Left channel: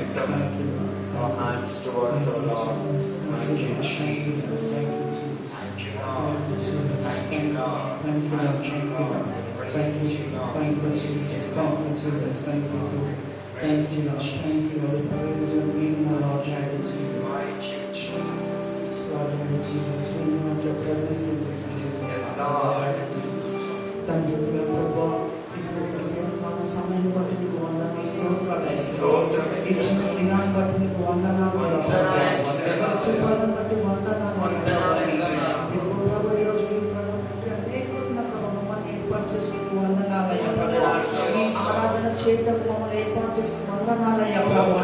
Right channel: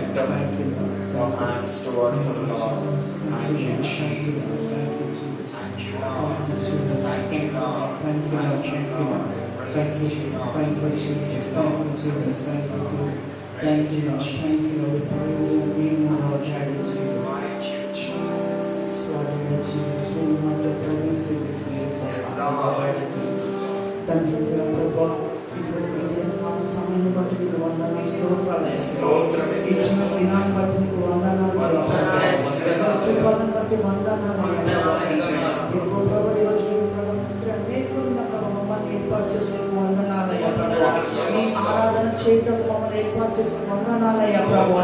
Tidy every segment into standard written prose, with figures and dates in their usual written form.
lift up our hands towards the Lord. Thank you, Jesus. Thank you, Lord. Thank you, Lord. Thank you, Lord. Praise you, Lord. Thank you, Jesus. Thank you, Jesus. Thank you, Lord. Thank you, Lord. Thank you, Lord. Praise your name, Lord. Thank you, Jesus. Lord, Jesus. We want to praise you this place. Yes, Lord. Thank you, Lord. సమయాన్ని బట్టి మీకు వందనాలు స్తోత్రాలు ఇచ్చిన దినాన్ని బట్టి మీకు వందనాలు బట్టి వందనాలు ఇదిగో ప్రభు ఈరోజు అనేకులు మమ్మల్ని ఏర్పాటు చేసుకుని వందనాలయ్య ప్రభు ఈ ఆరాధన చేయడం మమ్మల్ని ఏర్పాటు చేసుకుని వందనాలయ్య ప్రభు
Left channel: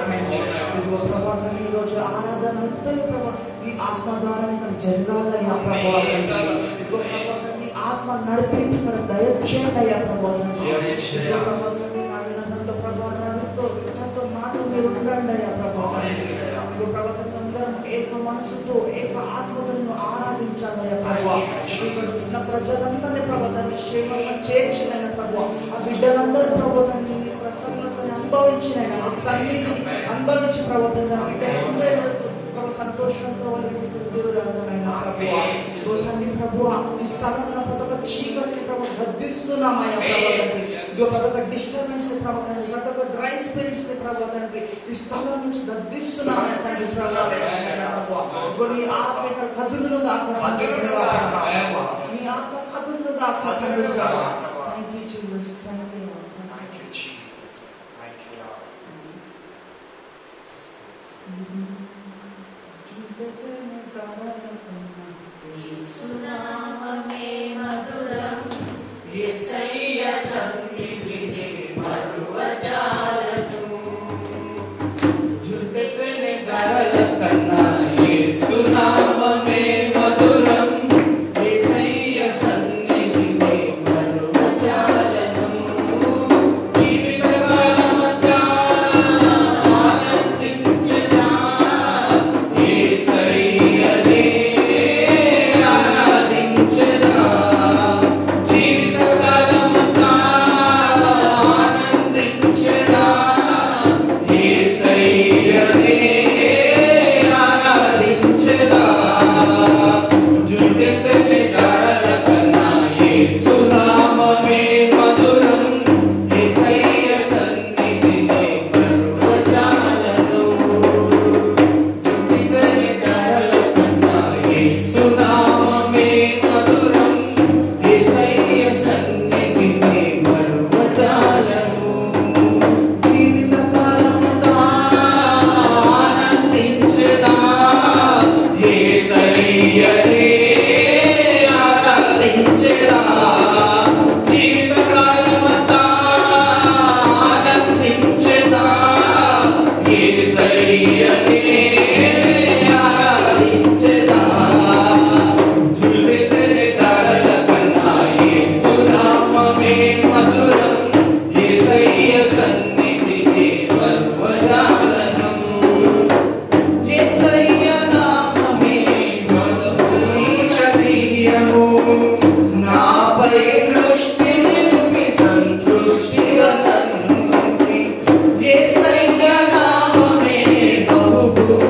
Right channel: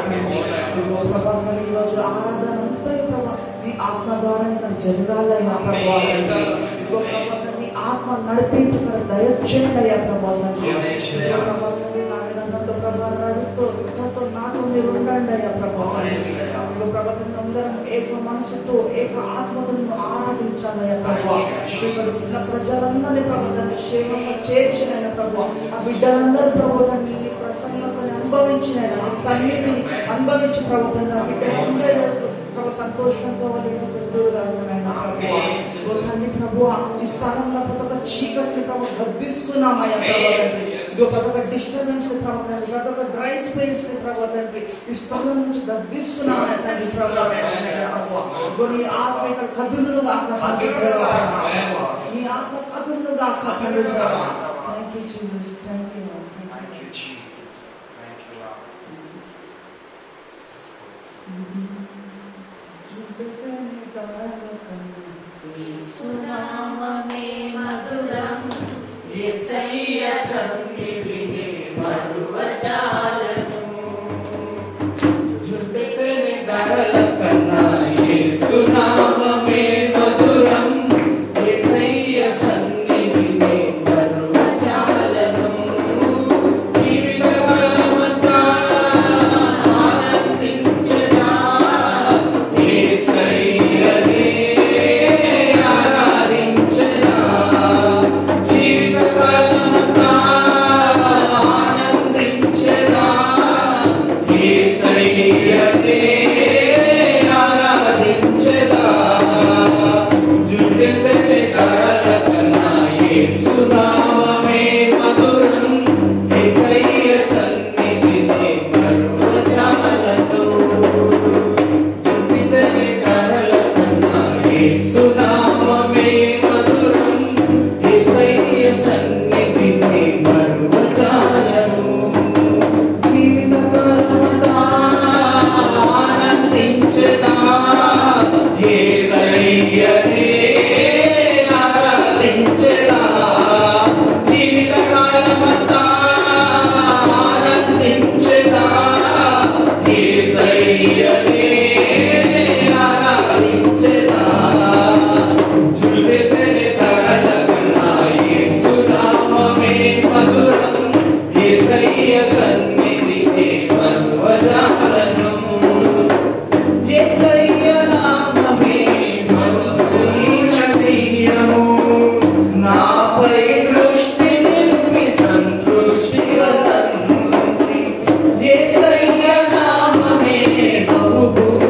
ఇదిగో ప్రభాతం ఈరోజు ఆరాధన అంతా ప్రభు ఈ ఆత్మ ద్వారా జరగాలయ్య ప్రభు ఇదిగో ప్రభాతం ఈ ఆత్మ నడిపించి ఇక్కడ దయచేయాలయ్య ప్రభు మీరు ఉండండి అయ్యా ప్రభావం ఏక మనసుతో ఏక ఆత్మతో ఆరాధించాలయ్యా ప్రభావ ఇక్కడ ఉన్న ప్రజలందరినీ ప్రభుత్వాన్ని క్షేమంగా చేర్చినైనా ప్రభావ ఆ బిడ్డలందరూ ప్రభుత్వాన్ని ప్రసన్నతని అనుభవించిన సన్నిధిని అనుభవించి ప్రభుత్వాన్ని ఆ బిడ్డలందరూ సంతోషంతో ప్రభువ ఈ స్థలంలో ప్రతి ఒక్క చీకటిని ప్రభు బద్ధిస్తున్నామయ్యా ప్రభావ ప్రతి ఒక్క డిస్టర్బెన్స్ ప్రభుత్వాన్ని ప్రతి ఒక్క డ్రై స్పేస్ ప్రభుత్వానికి ఈ స్థలం నుంచి గద్దిస్తున్నామయ్యా తండ్రి ప్రభావ నీ ఆత్మ ఇక్కడ కదులుగా నీ ఆత్మ కదులుగా thank you Jesus thank you Jesus. Thank you, Lord. సునామమే మధురం యేసయ్య సన్నిధిని మరువజాలను జుండెతనే గరల కన్నా యేసునామమే మధురం యేసయ్య సన్నిధిని మరువజాలను జీవితకాలమంతా ఆనందించెదా యేసయ్యనే Yes, I am.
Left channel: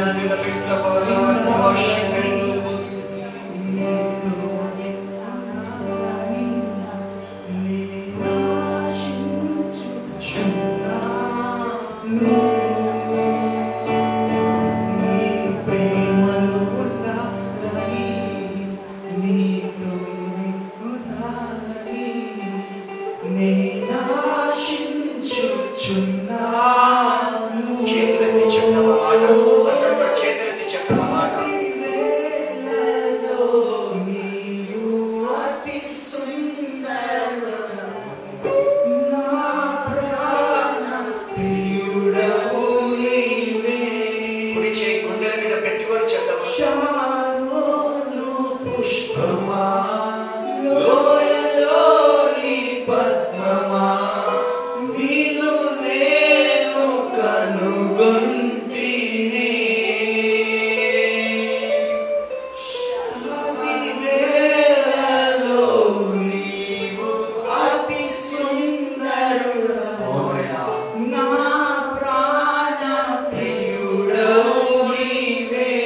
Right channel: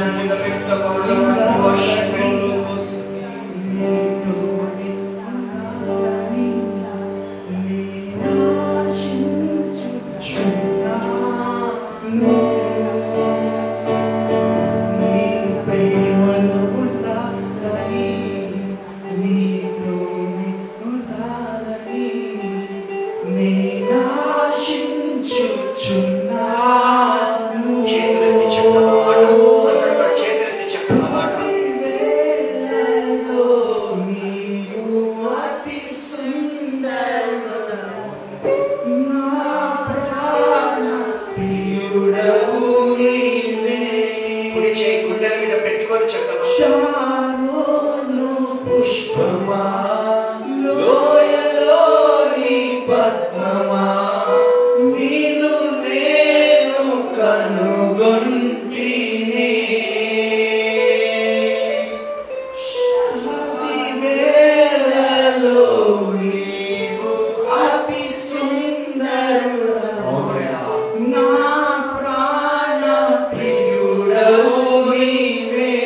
stand in the midst of our Lord and worship Him. చేతులెత్తి చెప్పిన మాట, అందరూ కూడా చేతులెత్తి చెప్పిన మాట. కుడి చేయి గుండెల మీద పెట్టుకొని చెప్తాము. పుష్పమా లోయలోని పద్మమా నీదు నేను కనుగొంటిని. శబది వేళలో నీవు అతి సుందరుడవు, నా ప్రాణ ప్రియుడవు నీవే.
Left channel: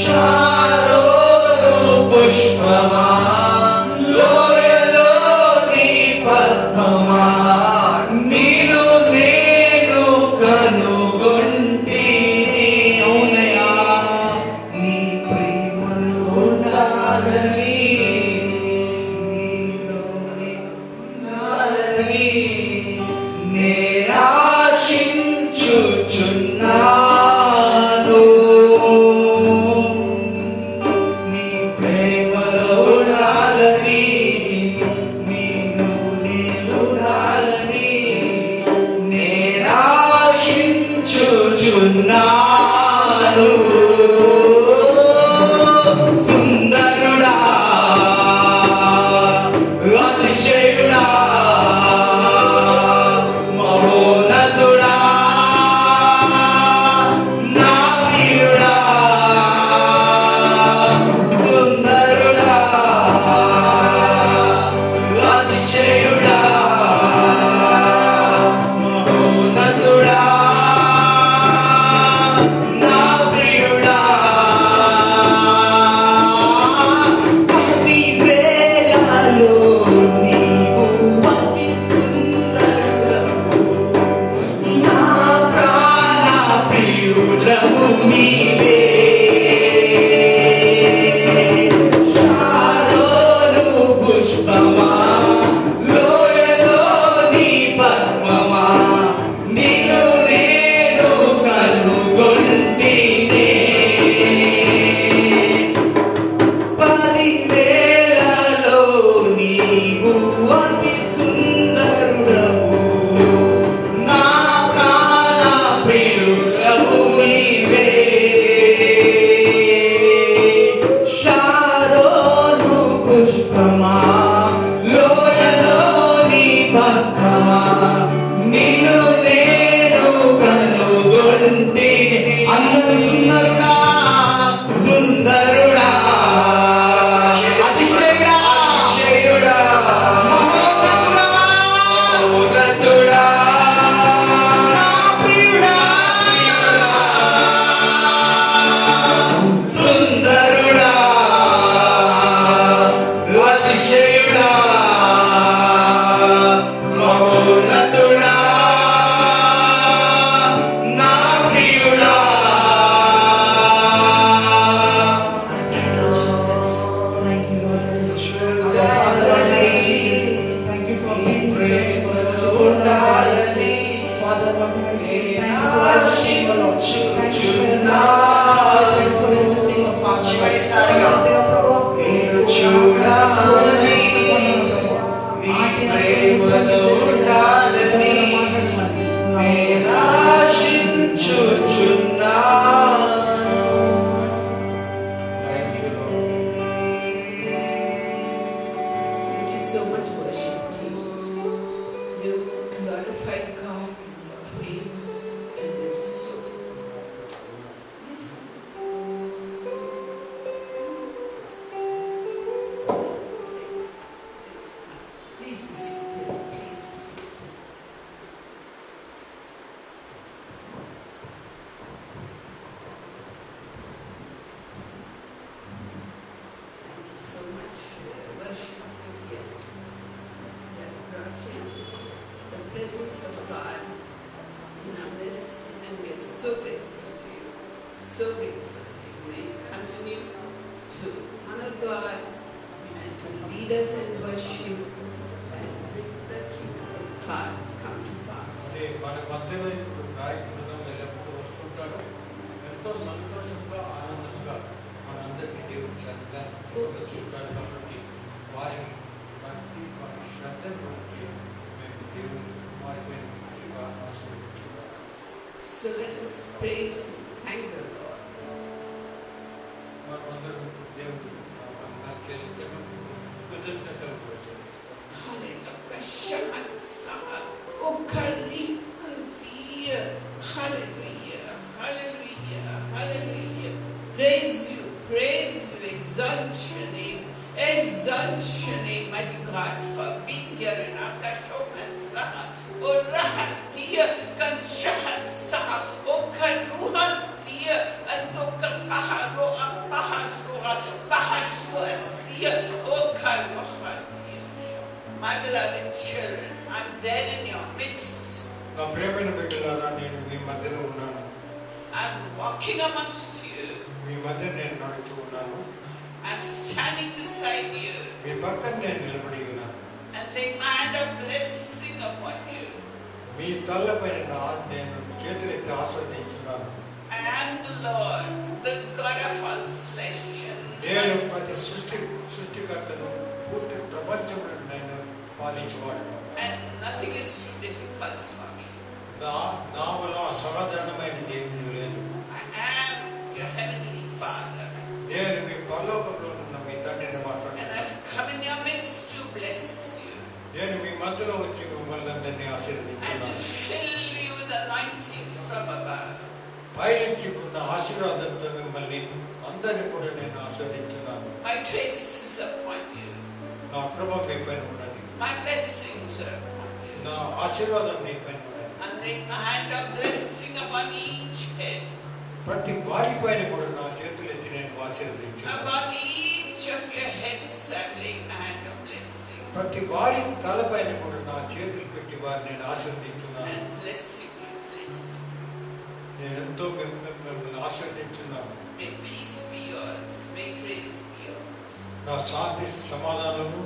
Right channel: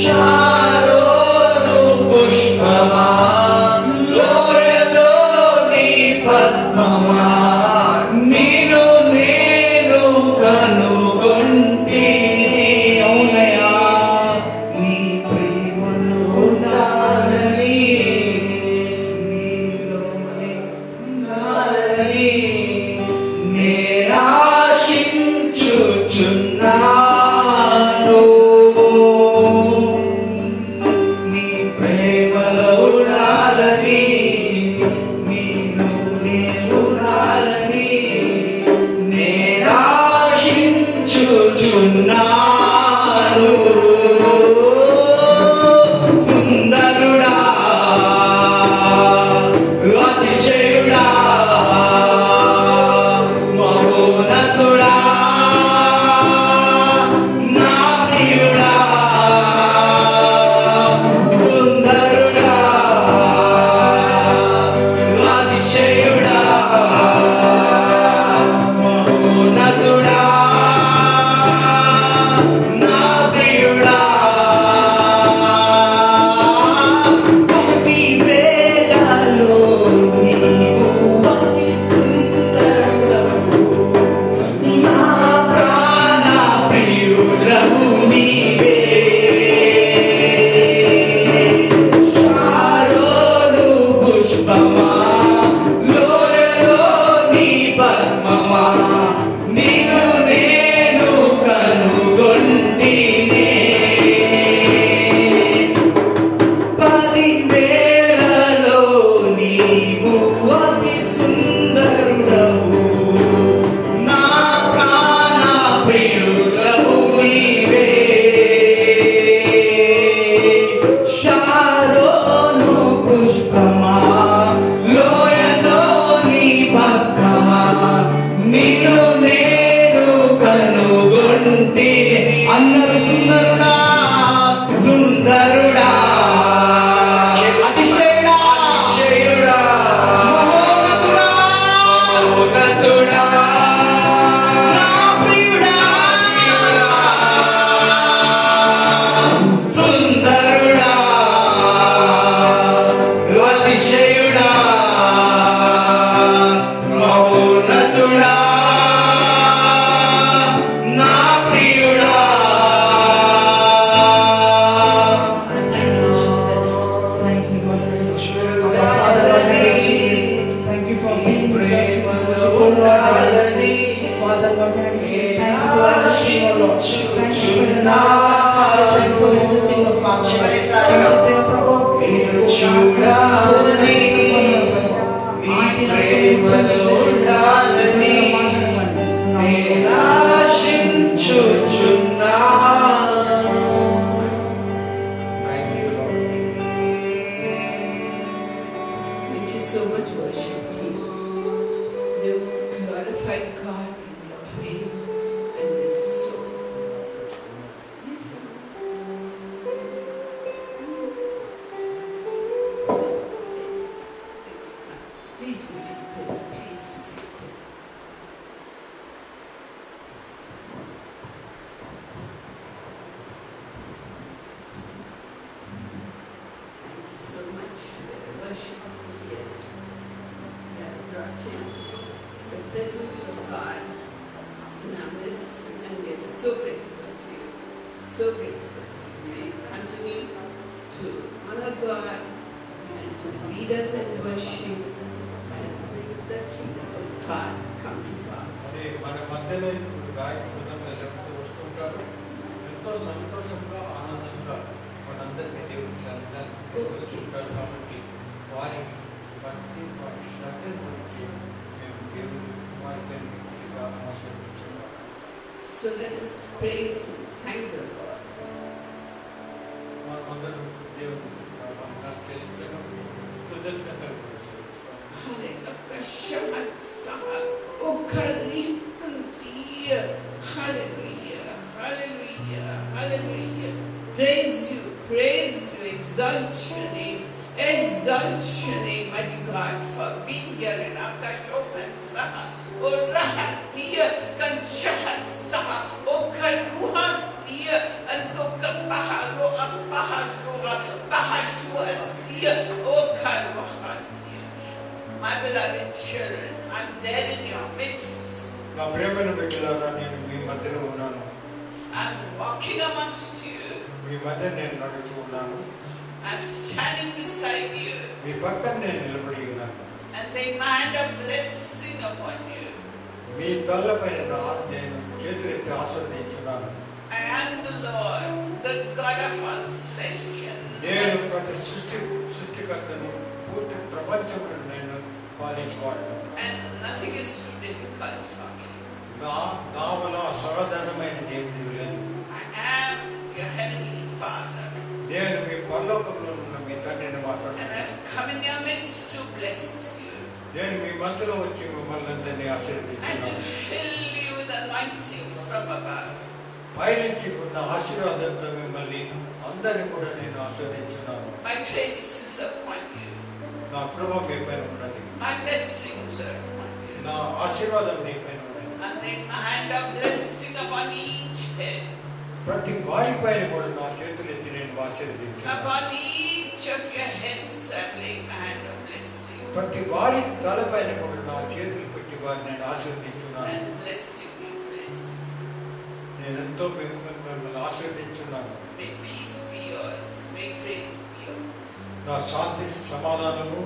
షారోను పుష్పమా, లోయలో నీ పద్మమా, నిన్ను నేను కనుగొంటిని. అవునయ్యా, నీ ప్రేమలో ఉండాలని, నీలోనే ఉండాలని నేనాశించుచున్నాను. నీ ప్రేమలో ఉండాలని, నీలోనే ఉండాలని నేనాశించుచున్నాను. సుందరుడా, అతిశయుడా, మహోన్నతుడా, నా ప్రియుడా, సుందరుడా, అతిశయుడా, మహోన్నతుడా, నా ప్రియుడా, ప్రతి వేళలో నీవు అతి సుందరుడవు, నా ప్రాణ ప్రియుడవు నీవే. షారోను పుష్పమా, లోయలో నీ పద్మమా, నిన్ను నేను కనుగొంటినే. పది వేళలో నీవు అతి సుందరుడవు, నా ప్రాణ ప్రియుడవు నీవే. షారోను పుష్పమా, లోయలో నీ పద్మమా, నిన్ను నేను కనుగొంటిని. అందరూ సుందరుడా, సుందరుడా, అతిశయుడా, అతిశయుడా, మహోన్నతుడా, నా ప్రియుడా, సుందరుడా, అతిశయుడా, మహోన్నతుడా, నా ప్రియుడా. Thank you, Lord. Father, thank you for being with us. ఉండాలని Father, Lord, thank you for everything, oh Lord. Thank you for everything, oh Father. నేను చూడాలని, నీ ప్రేమలో ఉండాలని నేనాశించుచున్నాను. Thank you, Lord. Thank you so much, worship team. You glorified God in your name and your soul. Please be seated. Please be seated. Thank you so much, worship leaders. You have brought in the presence of God in our midst, and we are so grateful to you. So grateful to you. May you continue to honor God and to lead us in worship and bring the kingdom of God come to pass. మన మధ్యలో ఇప్పుడు గాయక బృందం ఎల్లప్పుడూ వస్తుంటారు. ఎంతో సంతోషంగా ఆనందంగా మనందరికీ దేవుడి సన్నిధానం తీసుకెళ్తుంటారు. కాబట్టి వారి భక్తి, వారి శ్రద్ధను గురించి మేము దేవుడి వారికి మేము పూర్తిగా ఆశీర్వదించున్నాము. So let us praise and thank the Lord. మనమందరం దేవుడు వందనాలు చెల్లిస్తాము, కృతజ్ఞతలు కూడా చెల్లిస్తాము. Hallelujah, hallelujah, hallelujah. Praise you, exalt your name, mighty God, for being here in our Kashoman Saha, O Rahatia, Kanshahan Saha, O Kanuhantia, and Tokatahago Apa. beloved children, I'm there in your midst. నా ప్రియమైన బిడ్డలారా, నేను మీ మధ్యలో ఉన్నాను. I'm walking amongst you. మీ మధ్య నేను నడుచు ఉన్నాను. I'm standing beside you మీ పక్కన నేను నిలబడి ఉన్నాను. and laying my hand of blessing upon you. మీ తలపైన నేను చేతులెత్తి ఆశీర్వదించున్నాను. I am the Lord, the God of all flesh. నేను ప్రతి సృష్టికర్తను, పూర్తి ప్రపంచంలో నేను పాలించేవాడు. And nothing is too difficult for me. నా వల్ల అసాధారణమైనది ఏమీ లేదు. I am your heavenly Father. నేను మీ పరలోకంలో ఉన్న మీ తండ్రిని And మాట్లాడుతున్నాను. I've come in your midst to bless you నేను మీ మధ్యలో వచ్చి మిమ్మల్ని అందరినీ and to ఆశీర్వదించున్నాను. fill you with anointing from above. పైనుంచి ఉన్న ఆశీర్వాదంతో మిమ్మల్ని అందరినీ కూడా నేను ఆస్వాదించున్నాను. My grace is upon you. నా కృప మీ పైన ఉన్నది. My blessings are upon you. నా ఆశీర్వాదం మీ పైన ఉన్నది. I'm laying my hand of blessing upon each head, ప్రతి వారి పైన కూడా నా చేతులు ఎత్తి నేను ఆశీర్వదించున్నాను. upon each of your heads. I'm laying my hand of blessing ప్రతి వారి తలపైన కూడా నా చేతులు పెట్టి వారిని నేను ఆశీర్వదించున్నాను. and blessing you, blessing. నేను ఎంతో మిమ్మల్ని ఆశీర్వదించున్నాను. May peace be yours. May grace be yours. నా శాంతి సమాధానము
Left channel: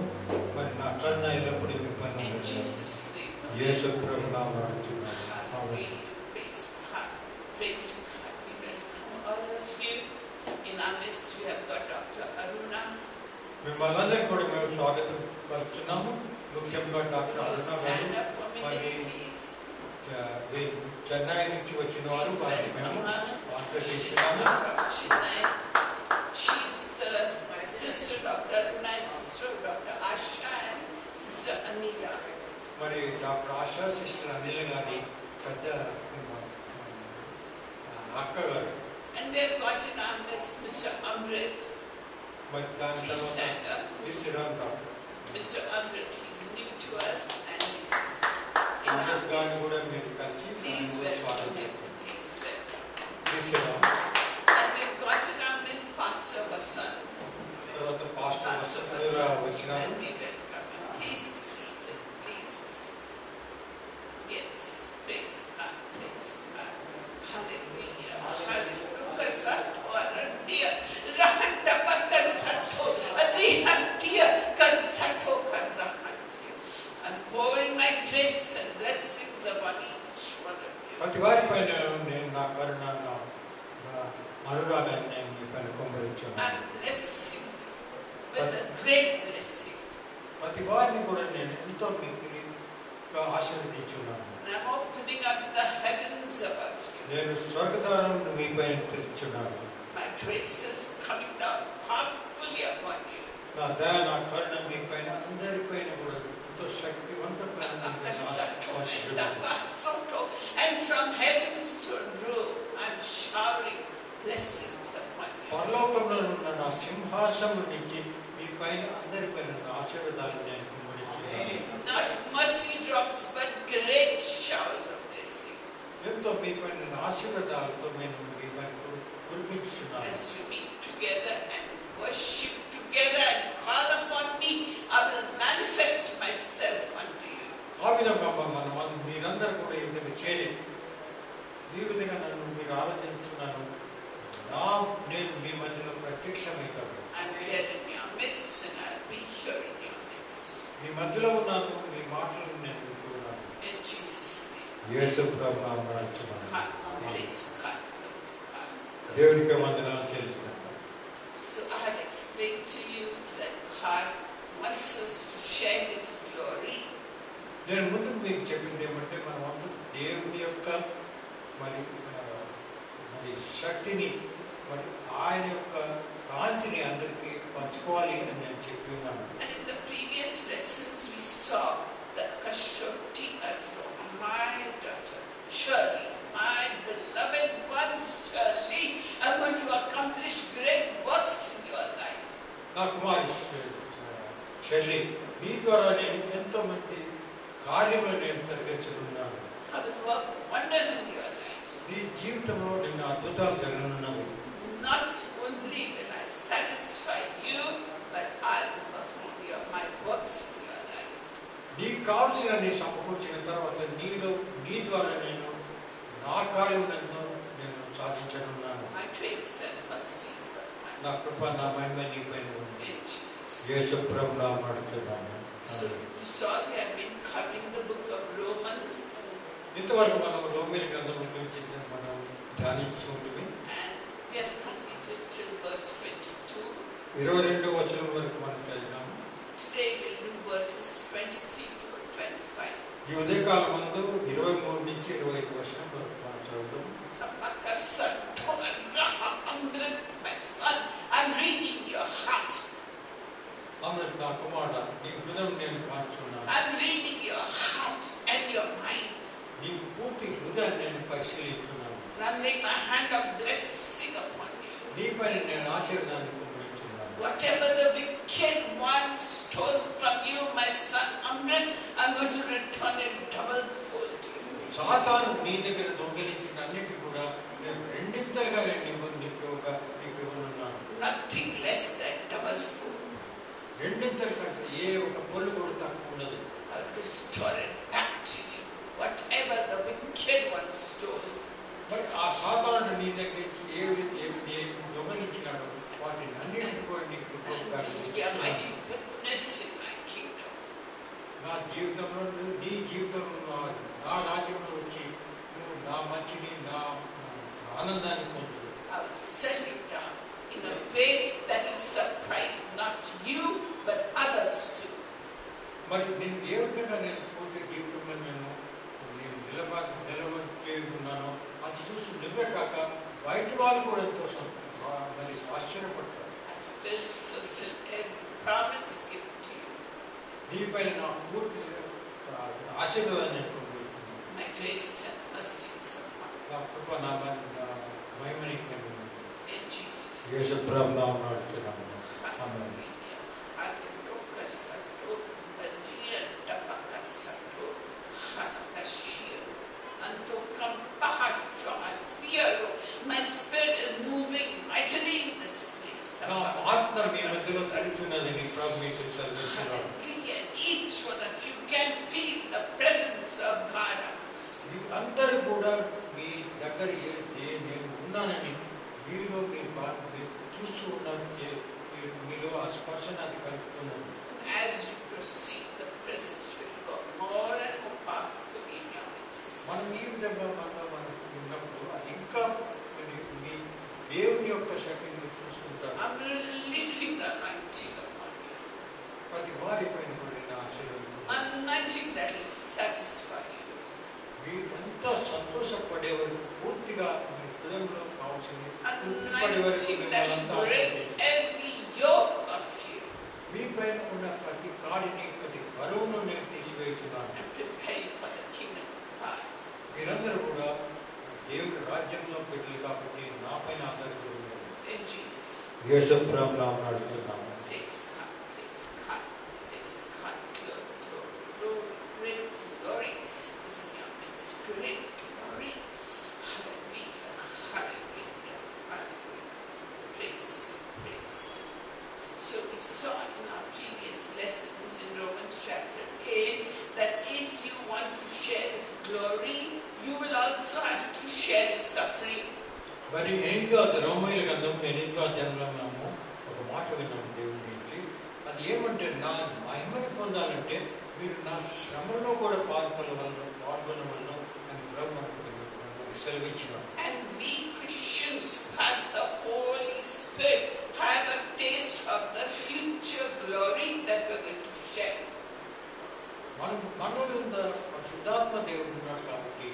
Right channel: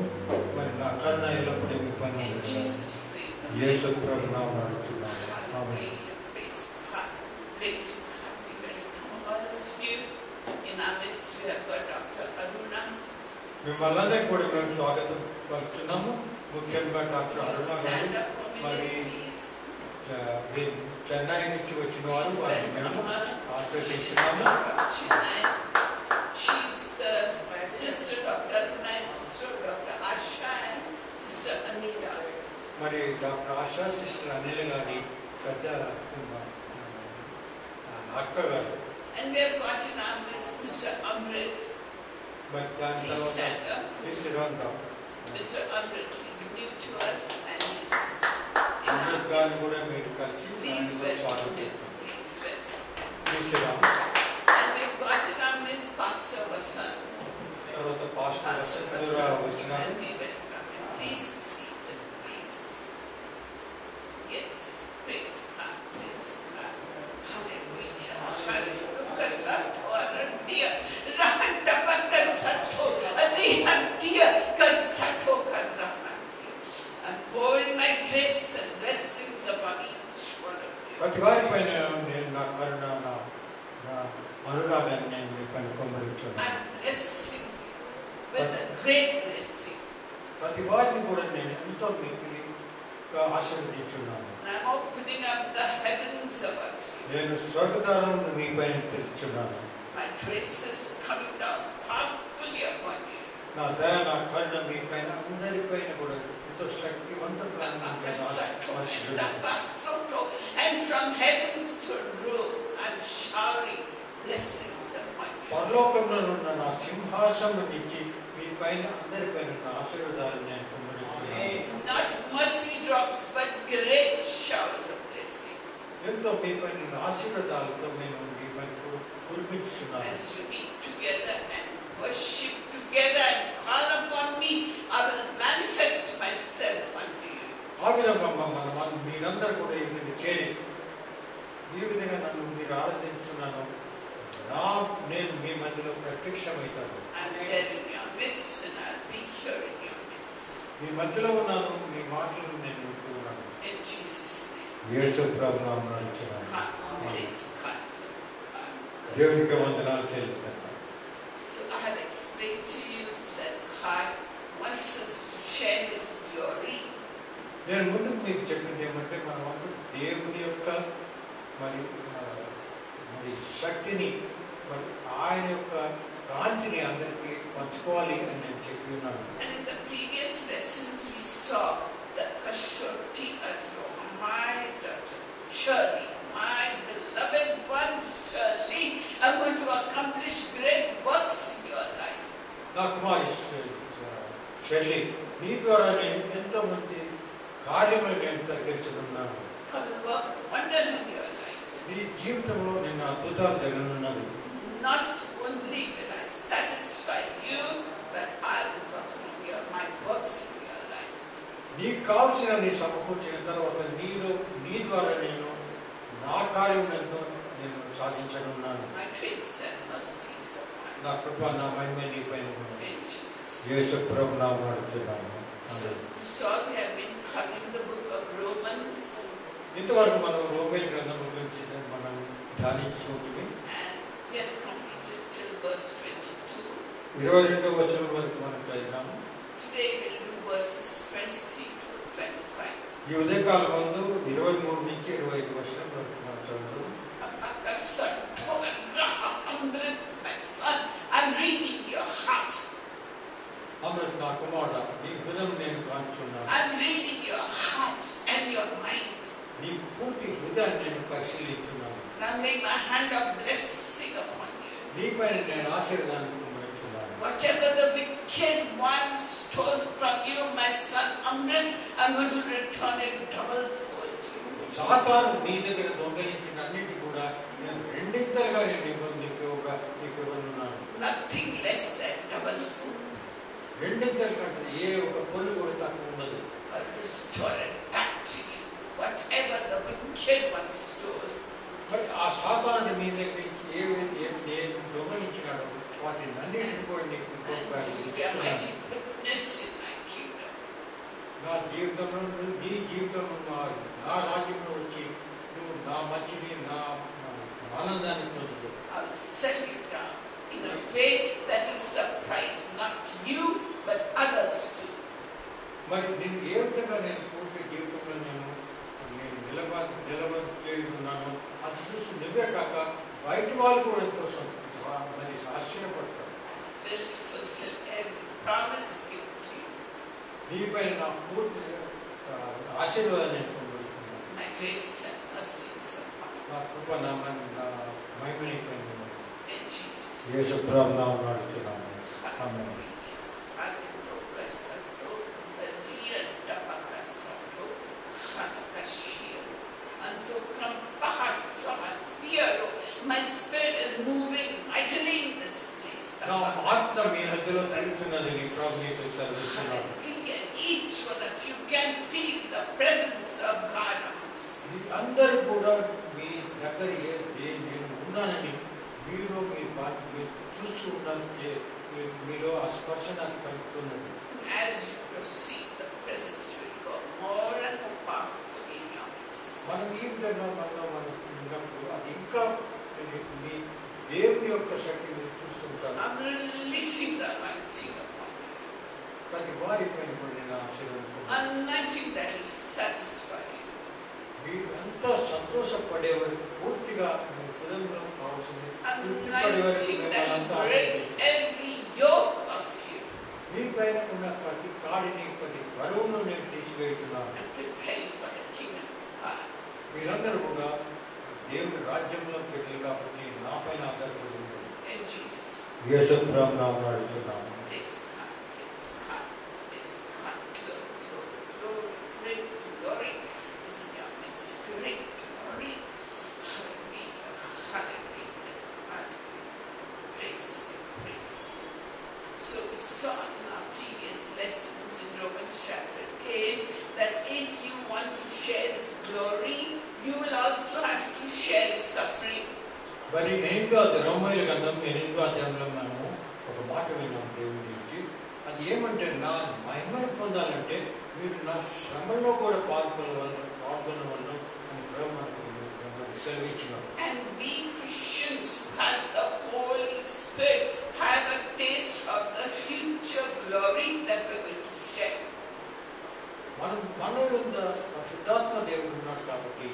మరి నా కరుణ ఎల్లప్పుడూ మీ పైన In ఉన్నది. Jesus' name. యేసు ప్రభు నామమున అడుగుతున్నాను. ఆమేన్. Hallelujah. Praise God. Praise God. We welcome all of you. In our midst, we have got Dr. Aruna. మిమ్మల్ని అందరికీ కూడా మేము స్వాగతం పలుకుతున్నాము. ముఖ్యంగా doctor Will you Aruna stand గారు up for a మరి minute, please? చెన్నై నుంచి వచ్చిన వారు Please వారిని welcome మేము her. She is ఆశ్రయించున్నాము. from Chennai. She is the sister Dr. Aruna, sister of Dr. Asha and sister Anila. మరి డాక్టర్ ఆశా సిస్టర్ అనిల్ గారి పెద్ద అక్క గారు. And we have got in our midst Mr. Amrit. మరి దాని Please తర్వాత stand up. ఇస్తున్నాను doctor Mr. Amrit, he's new to us and he's in our Amrit గారిని midst. కూడా మీరు కలిసి Please ఆయన welcome స్వాగతం him. Please welcome. ఇస్తున్నాము. And we've got in our midst Pastor Vasant. తర్వాత పాస్టర్ Pastor కూడా Vasant. వచ్చినారు. And we welcome him. Please be seated. Please be seated. Yes. Praise God. Praise God. Hallelujah. Hallelujah. Kasato arantia. Rahatapakar sato. Arihantia. Kansato karahantia. I'm pouring my grace and blessings upon each one of you. ప్రతి వారి పైన నేను నా కరుణ నా అనురాగాన్ని నేను మీ పైన కొమ్మరిస్తున్నాను. I'm blessing you with a great blessing. ప్రతి వారిని కూడా నేను ఎంతో మీకు ఆశీర్వదించున్నాను. And I'm opening up the heavens above you. నేను స్వర్గద్వారం మీ పైన తెరుచున్నాను. My grace is coming down powerfully upon you. నా దయ నా కరుణ మీ పైన అందరి పైన కూడా ఎంతో శక్తివంతంగా And from heaven's throne room, I'm showering blessings upon you. పరలోకంలో ఉన్న నా సింహాసనం నుంచి మీ పైన అందరి పైన నా ఆశీర్వాదాలు నేను కుమ్మరించున్నాను. Not mercy drops, but great showers of blessing. ఎంతో మీ పైన నా ఆశీర్వాదాలతో నేను మీ పైన కురిపించున్నాను. As you meet together and worship together and call upon me, I will manifest myself unto you. ఆ విధంగా మనం మీరందరూ కూడా ఈ విధంగా చేరి ఈ విధంగా నన్ను మీరు ఆరాధించున్నాను. నేను మీ మధ్యలో ప్రత్యక్షమవుతాను. I'm there in your midst and I'll be here in your midst. మీ మధ్యలో ఉన్నాను. మీ మాటలు నేను వింటున్నాను. In Jesus' name. యేసు ప్రభు నామమున God, అడుగుతున్నాను. praise God. God. దేవునికి వందనాలు చెల్లిస్తాను. So I have explained to you that God wants us to share His glory. నేను ముందు మీకు చెప్పింది ఏమంటే మనం అందరూ దేవుని యొక్క మరి శక్తిని మరి ఆయన యొక్క కాంతిని అందరికీ పంచుకోవాలి అని నేను చెప్పి ఉన్నాను. And in the previous lessons we saw that Kashoti Aroma, my daughter, Shirley, my beloved one, Shirley, I'm going to accomplish great works in your life. నా కుమారి షెర్లీ, మీ ద్వారా నేను ఎంతో మంది కార్యములు నేను జరిగించుకున్నాను. I will work wonders in your life. నీ జీవితంలో నేను అద్భుతాలు జరగనున్నాను. Not only will I satisfy you, but I will perform my works in your life. నీకు కావలసిన సమకూర్చిన తర్వాత నీ ద్వారా నేను నా కార్యం నేను సాధించనున్నాను. My grace and mercy is upon you. నా కృప నా మహిమ నీపైన ఉన్నది. In Jesus. యేసు ప్రభు నామమున అడుగుతున్నాను. So you saw we have been covering the book of Romans, ఇంతవరకు మనం రోమేలు గ్రంథం గురించి మనం ధ్యానించుకుంటుంది. and we have completed till verse 22. 22వ వచనం వరకు మనం చదివాము. Today we'll do verses 23 to 25. ఈ ఉదయకాలం ముందు 23 నుంచి 25 వచనం వరకు మనం చదువుతాం. My son, I'm reading your heart. Amrit నా కుమారుడా, నీ హృదయం నేను కాంచున్నాను. I'm reading your heart and your mind. నీ పూర్తి హృదయాన్ని నేను పరిశీలిస్తున్నాను. And I'm laying my hand of blessing upon you. నీపైన నేను ఆశీర్వాదాన్ని కుమ్మరిస్తున్నాను. Whatever the wicked one stole from you, my son Amrit, I'm going to return it double fold to you. సాతాను నీ దగ్గర దొంగిలించిన అన్నిటి కూడా నేను రెండింతలుగా నీకు ఇవ్వనున్నాను. Nothing less than double fold. రెండింతల కంటే ఏ ఒక పొలు కూడా తక్కువ ఉండదు. I'll restore it back to you. Whatever the wicked one stole. మరి ఆ సాతాను నీ దగ్గర నుంచి ఏ దొంగిలించినాడో వాటిని అన్నిటిని కూడా నీకు And be a mighty witness in my kingdom. నా జీవితంలో నీ జీవితంలో నా రాజ్యంలో వచ్చి నువ్వు నా మంచిని నా ఆనందాన్ని పొందుదు. I will settle it down in a way that will surprise not you but others too. మరి నేను ఏ విధంగా నేను పూర్తి జీవితంలో నేను నిలబడుతున్నాను అది చూసి నువ్వే కాక బయట వాళ్ళు కూడా ఎంతో మరి ఆశ్చర్యపడతారు. I will fulfill every promise given to you. నీపైన నా పూర్తి ఆశీర్వాదాన్ని నేను పొందుతున్నాను. My grace and mercy is upon నా కృప నా మహిమ నీపైన ఉన్నది. you. In Jesus. యేసు ప్రభు నామమున అడుగుతున్నాను. ఆమేన్. My spirit is moving mightily in this place. నా ఆత్మ మీ మధ్యలో తిరుగుతున్నదని ప్రభు మీకు సెలవిస్తున్నాను. Each one of you can feel the presence of God amongst you. అందరూ కూడా మీ దగ్గర నేను ఉన్నానని మీలో మీరు చూస్తూ ఉన్నాను. మీలో ఆ స్పర్శ నాకు కలుగుతున్నది. As you proceed, the presence will go more and more powerfully in your midst. మనం ఈ విధంగా మనం ఉన్నప్పుడు అది ఇంకా మీ దేవుని యొక్క శక్తి మీరు చూస్తుంటారు. I'm releasing the anointing upon you. ప్రతి వారి పైన కూడా నేను ఆశీర్వాదం Anointing that will satisfy you. మీరు ఎంతో సంతోషపడేవారు పూర్తిగా మీ హృదయంలో కావాల్సింది Anointing that will break every yoke of you మీ పైన ఉన్న ప్రతి కాడిని ప్రతి బరువును నేను తీసివేస్తున్నాను. and prepare you for the kingdom of God. మీరందరూ కూడా దేవుని రాజ్యంలో పెట్టారు కాబట్టి నా పైన ఆధారపడి ఉన్నారు. In Jesus. యేసు ప్రభు నామమున అడుగుతున్నాను. Praise God, praise God, praise God. Glory, glory, glory, great glory is in your midst. Great glory. Hallelujah, hallelujah, hallelujah. Praise, praise. So we saw in our previous lessons in Romans chapter 8 that if you want to share His glory, you will also have to share His suffering. మరి రోమీయుల గ్రంథం 8వ అధ్యాయంలో మనము ఒక మాట విన్నాం దేవుని గురించి. అది ఏమంటే నా మహిమను పొందాలంటే మీరు నా శ్రమలో కూడా పాల్గొనవలను అని కూడా మనకు సెలవిచ్చినాం. And we Christians who have the Holy Spirit have a taste of the future glory that we're going to share. మనలో ఉన్న శుద్ధాత్మ దేవుడు ఉన్నాడు కాబట్టి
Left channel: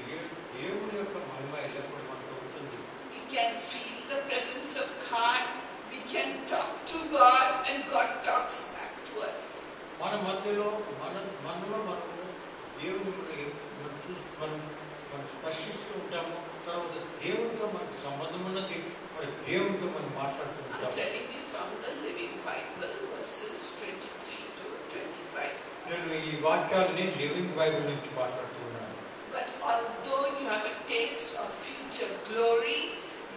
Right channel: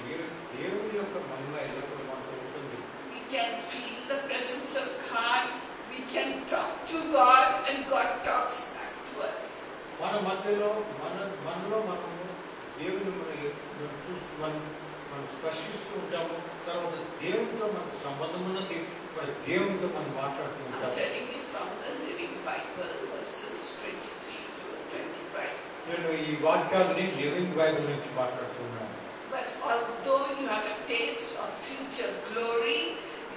దేవుని యొక్క మహిమ ఎల్లప్పుడూ మనకు ఉంటుంది. We can feel the presence of God. We can talk to God and God talks back to us. మన మధ్యలో మనలో మనము దేవుని మనం స్పర్శిస్తూ ఉంటాము. తర్వాత దేవునితో మనకు సంబంధం ఉన్నది. మరి దేవునితో మనం మాట్లాడుతూ I'm ఉంటాము. telling you from the Living Bible, verses 23 to 25. నేను ఈ వాక్యాలని లివింగ్ బైబిల్ నుంచి మాట్లాడుతున్నాను. But although you have a taste of future glory,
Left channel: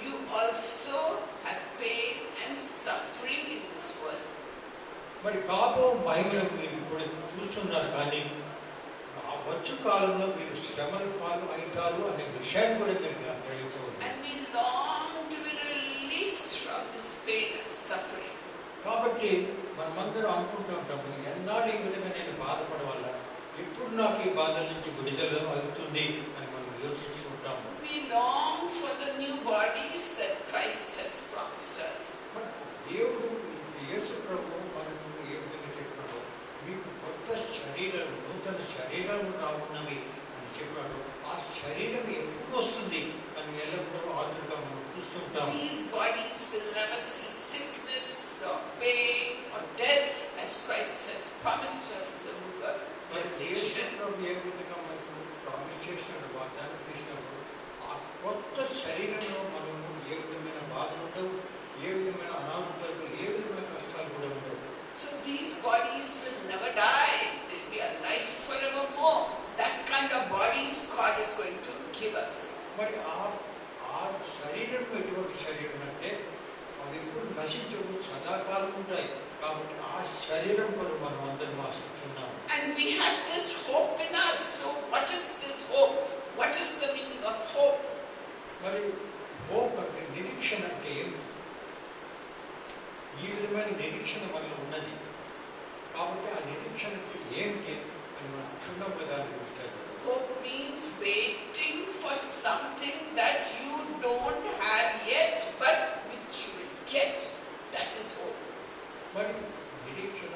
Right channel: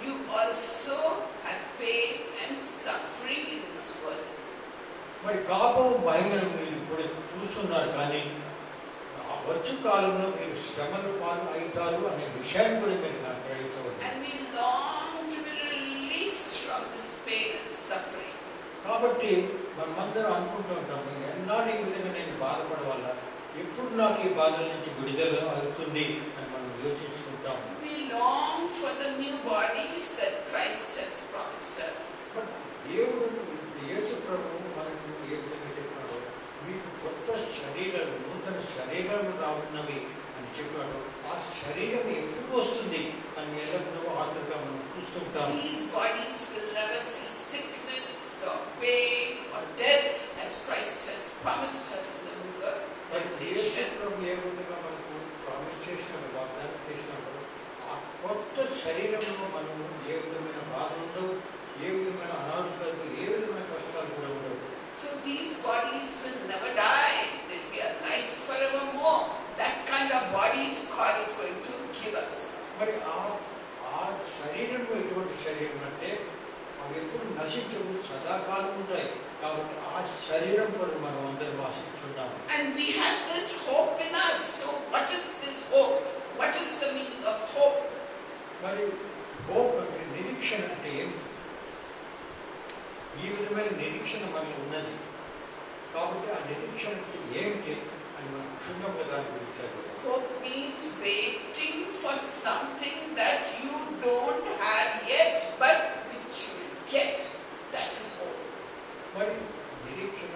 you also have pain and suffering in this world. మరి కాపం మహిమను మీరు ఇప్పుడు చూస్తున్నారు కానీ వచ్చు కాలంలో మీరు శ్రమలు పాలు అవుతారు అనే విషయాన్ని కూడా మీరు గ్రహించవచ్చు. And we long to be released from this pain and suffering. కాబట్టి మనమందరం అనుకుంటూ ఉంటాము, ఎన్నాళ్ళు ఈ విధంగా నేను బాధపడవాలా, ఎప్పుడు నాకు ఈ బాధ నుంచి విడుదల అవుతుంది అని మనం యోచించుకుంటాము. We long for the new bodies that Christ has promised us. దేవుడు యేసు ప్రభువు మనకు ఏ విధంగా చెప్పాడో, మీకు కొత్త శరీరాలు, నూతన శరీరాలు రానున్నవి అని చెప్పాడు. ఆ శరీరం ఎప్పుడు వస్తుంది అని ఎల్లప్పుడూ ఆతృతగా మనం చూస్తుంటాం. These bodies will never see sickness or pain or death as Christ has promised us in the book of Revelation. ఏ విధంగా మనకు ప్రామిస్ చేసినాడు, వాగ్దానం చేసినాడు, ఆ కొత్త శరీరంలో మనము ఏ విధమైన బాధలు ఉండవు, ఏ విధమైన అనారోగ్యాలు, ఏ విధమైన కష్టాలు కూడా ఉండవు. So these bodies will never die. They'll be alive forevermore. That kind of bodies God is going to give us. మరి ఆ శరీరం ఎటువంటి శరీరం అంటే అవి ఎప్పుడు నశించవు, సదాకాలం ఉంటాయి. కాబట్టి ఆ శరీరం కూడా మనం అందరం ఆశిస్తున్నాము. And we have this hope in us. So what is this hope? What is the meaning of hope? మరి హోప్ అంటే నిరీక్షణ అంటే ఏమిటి? ఈ విధమైన నిరీక్షణ మనలో ఉన్నది. కాబట్టి ఆ నిరీక్షణకి ఏమిటి అని మనం క్షుణ్ణంగా దాని గురించి చదువుతాం. Hope means waiting for something that you don't have yet, but which you will get. That is hope. మరి నిరీక్షణ,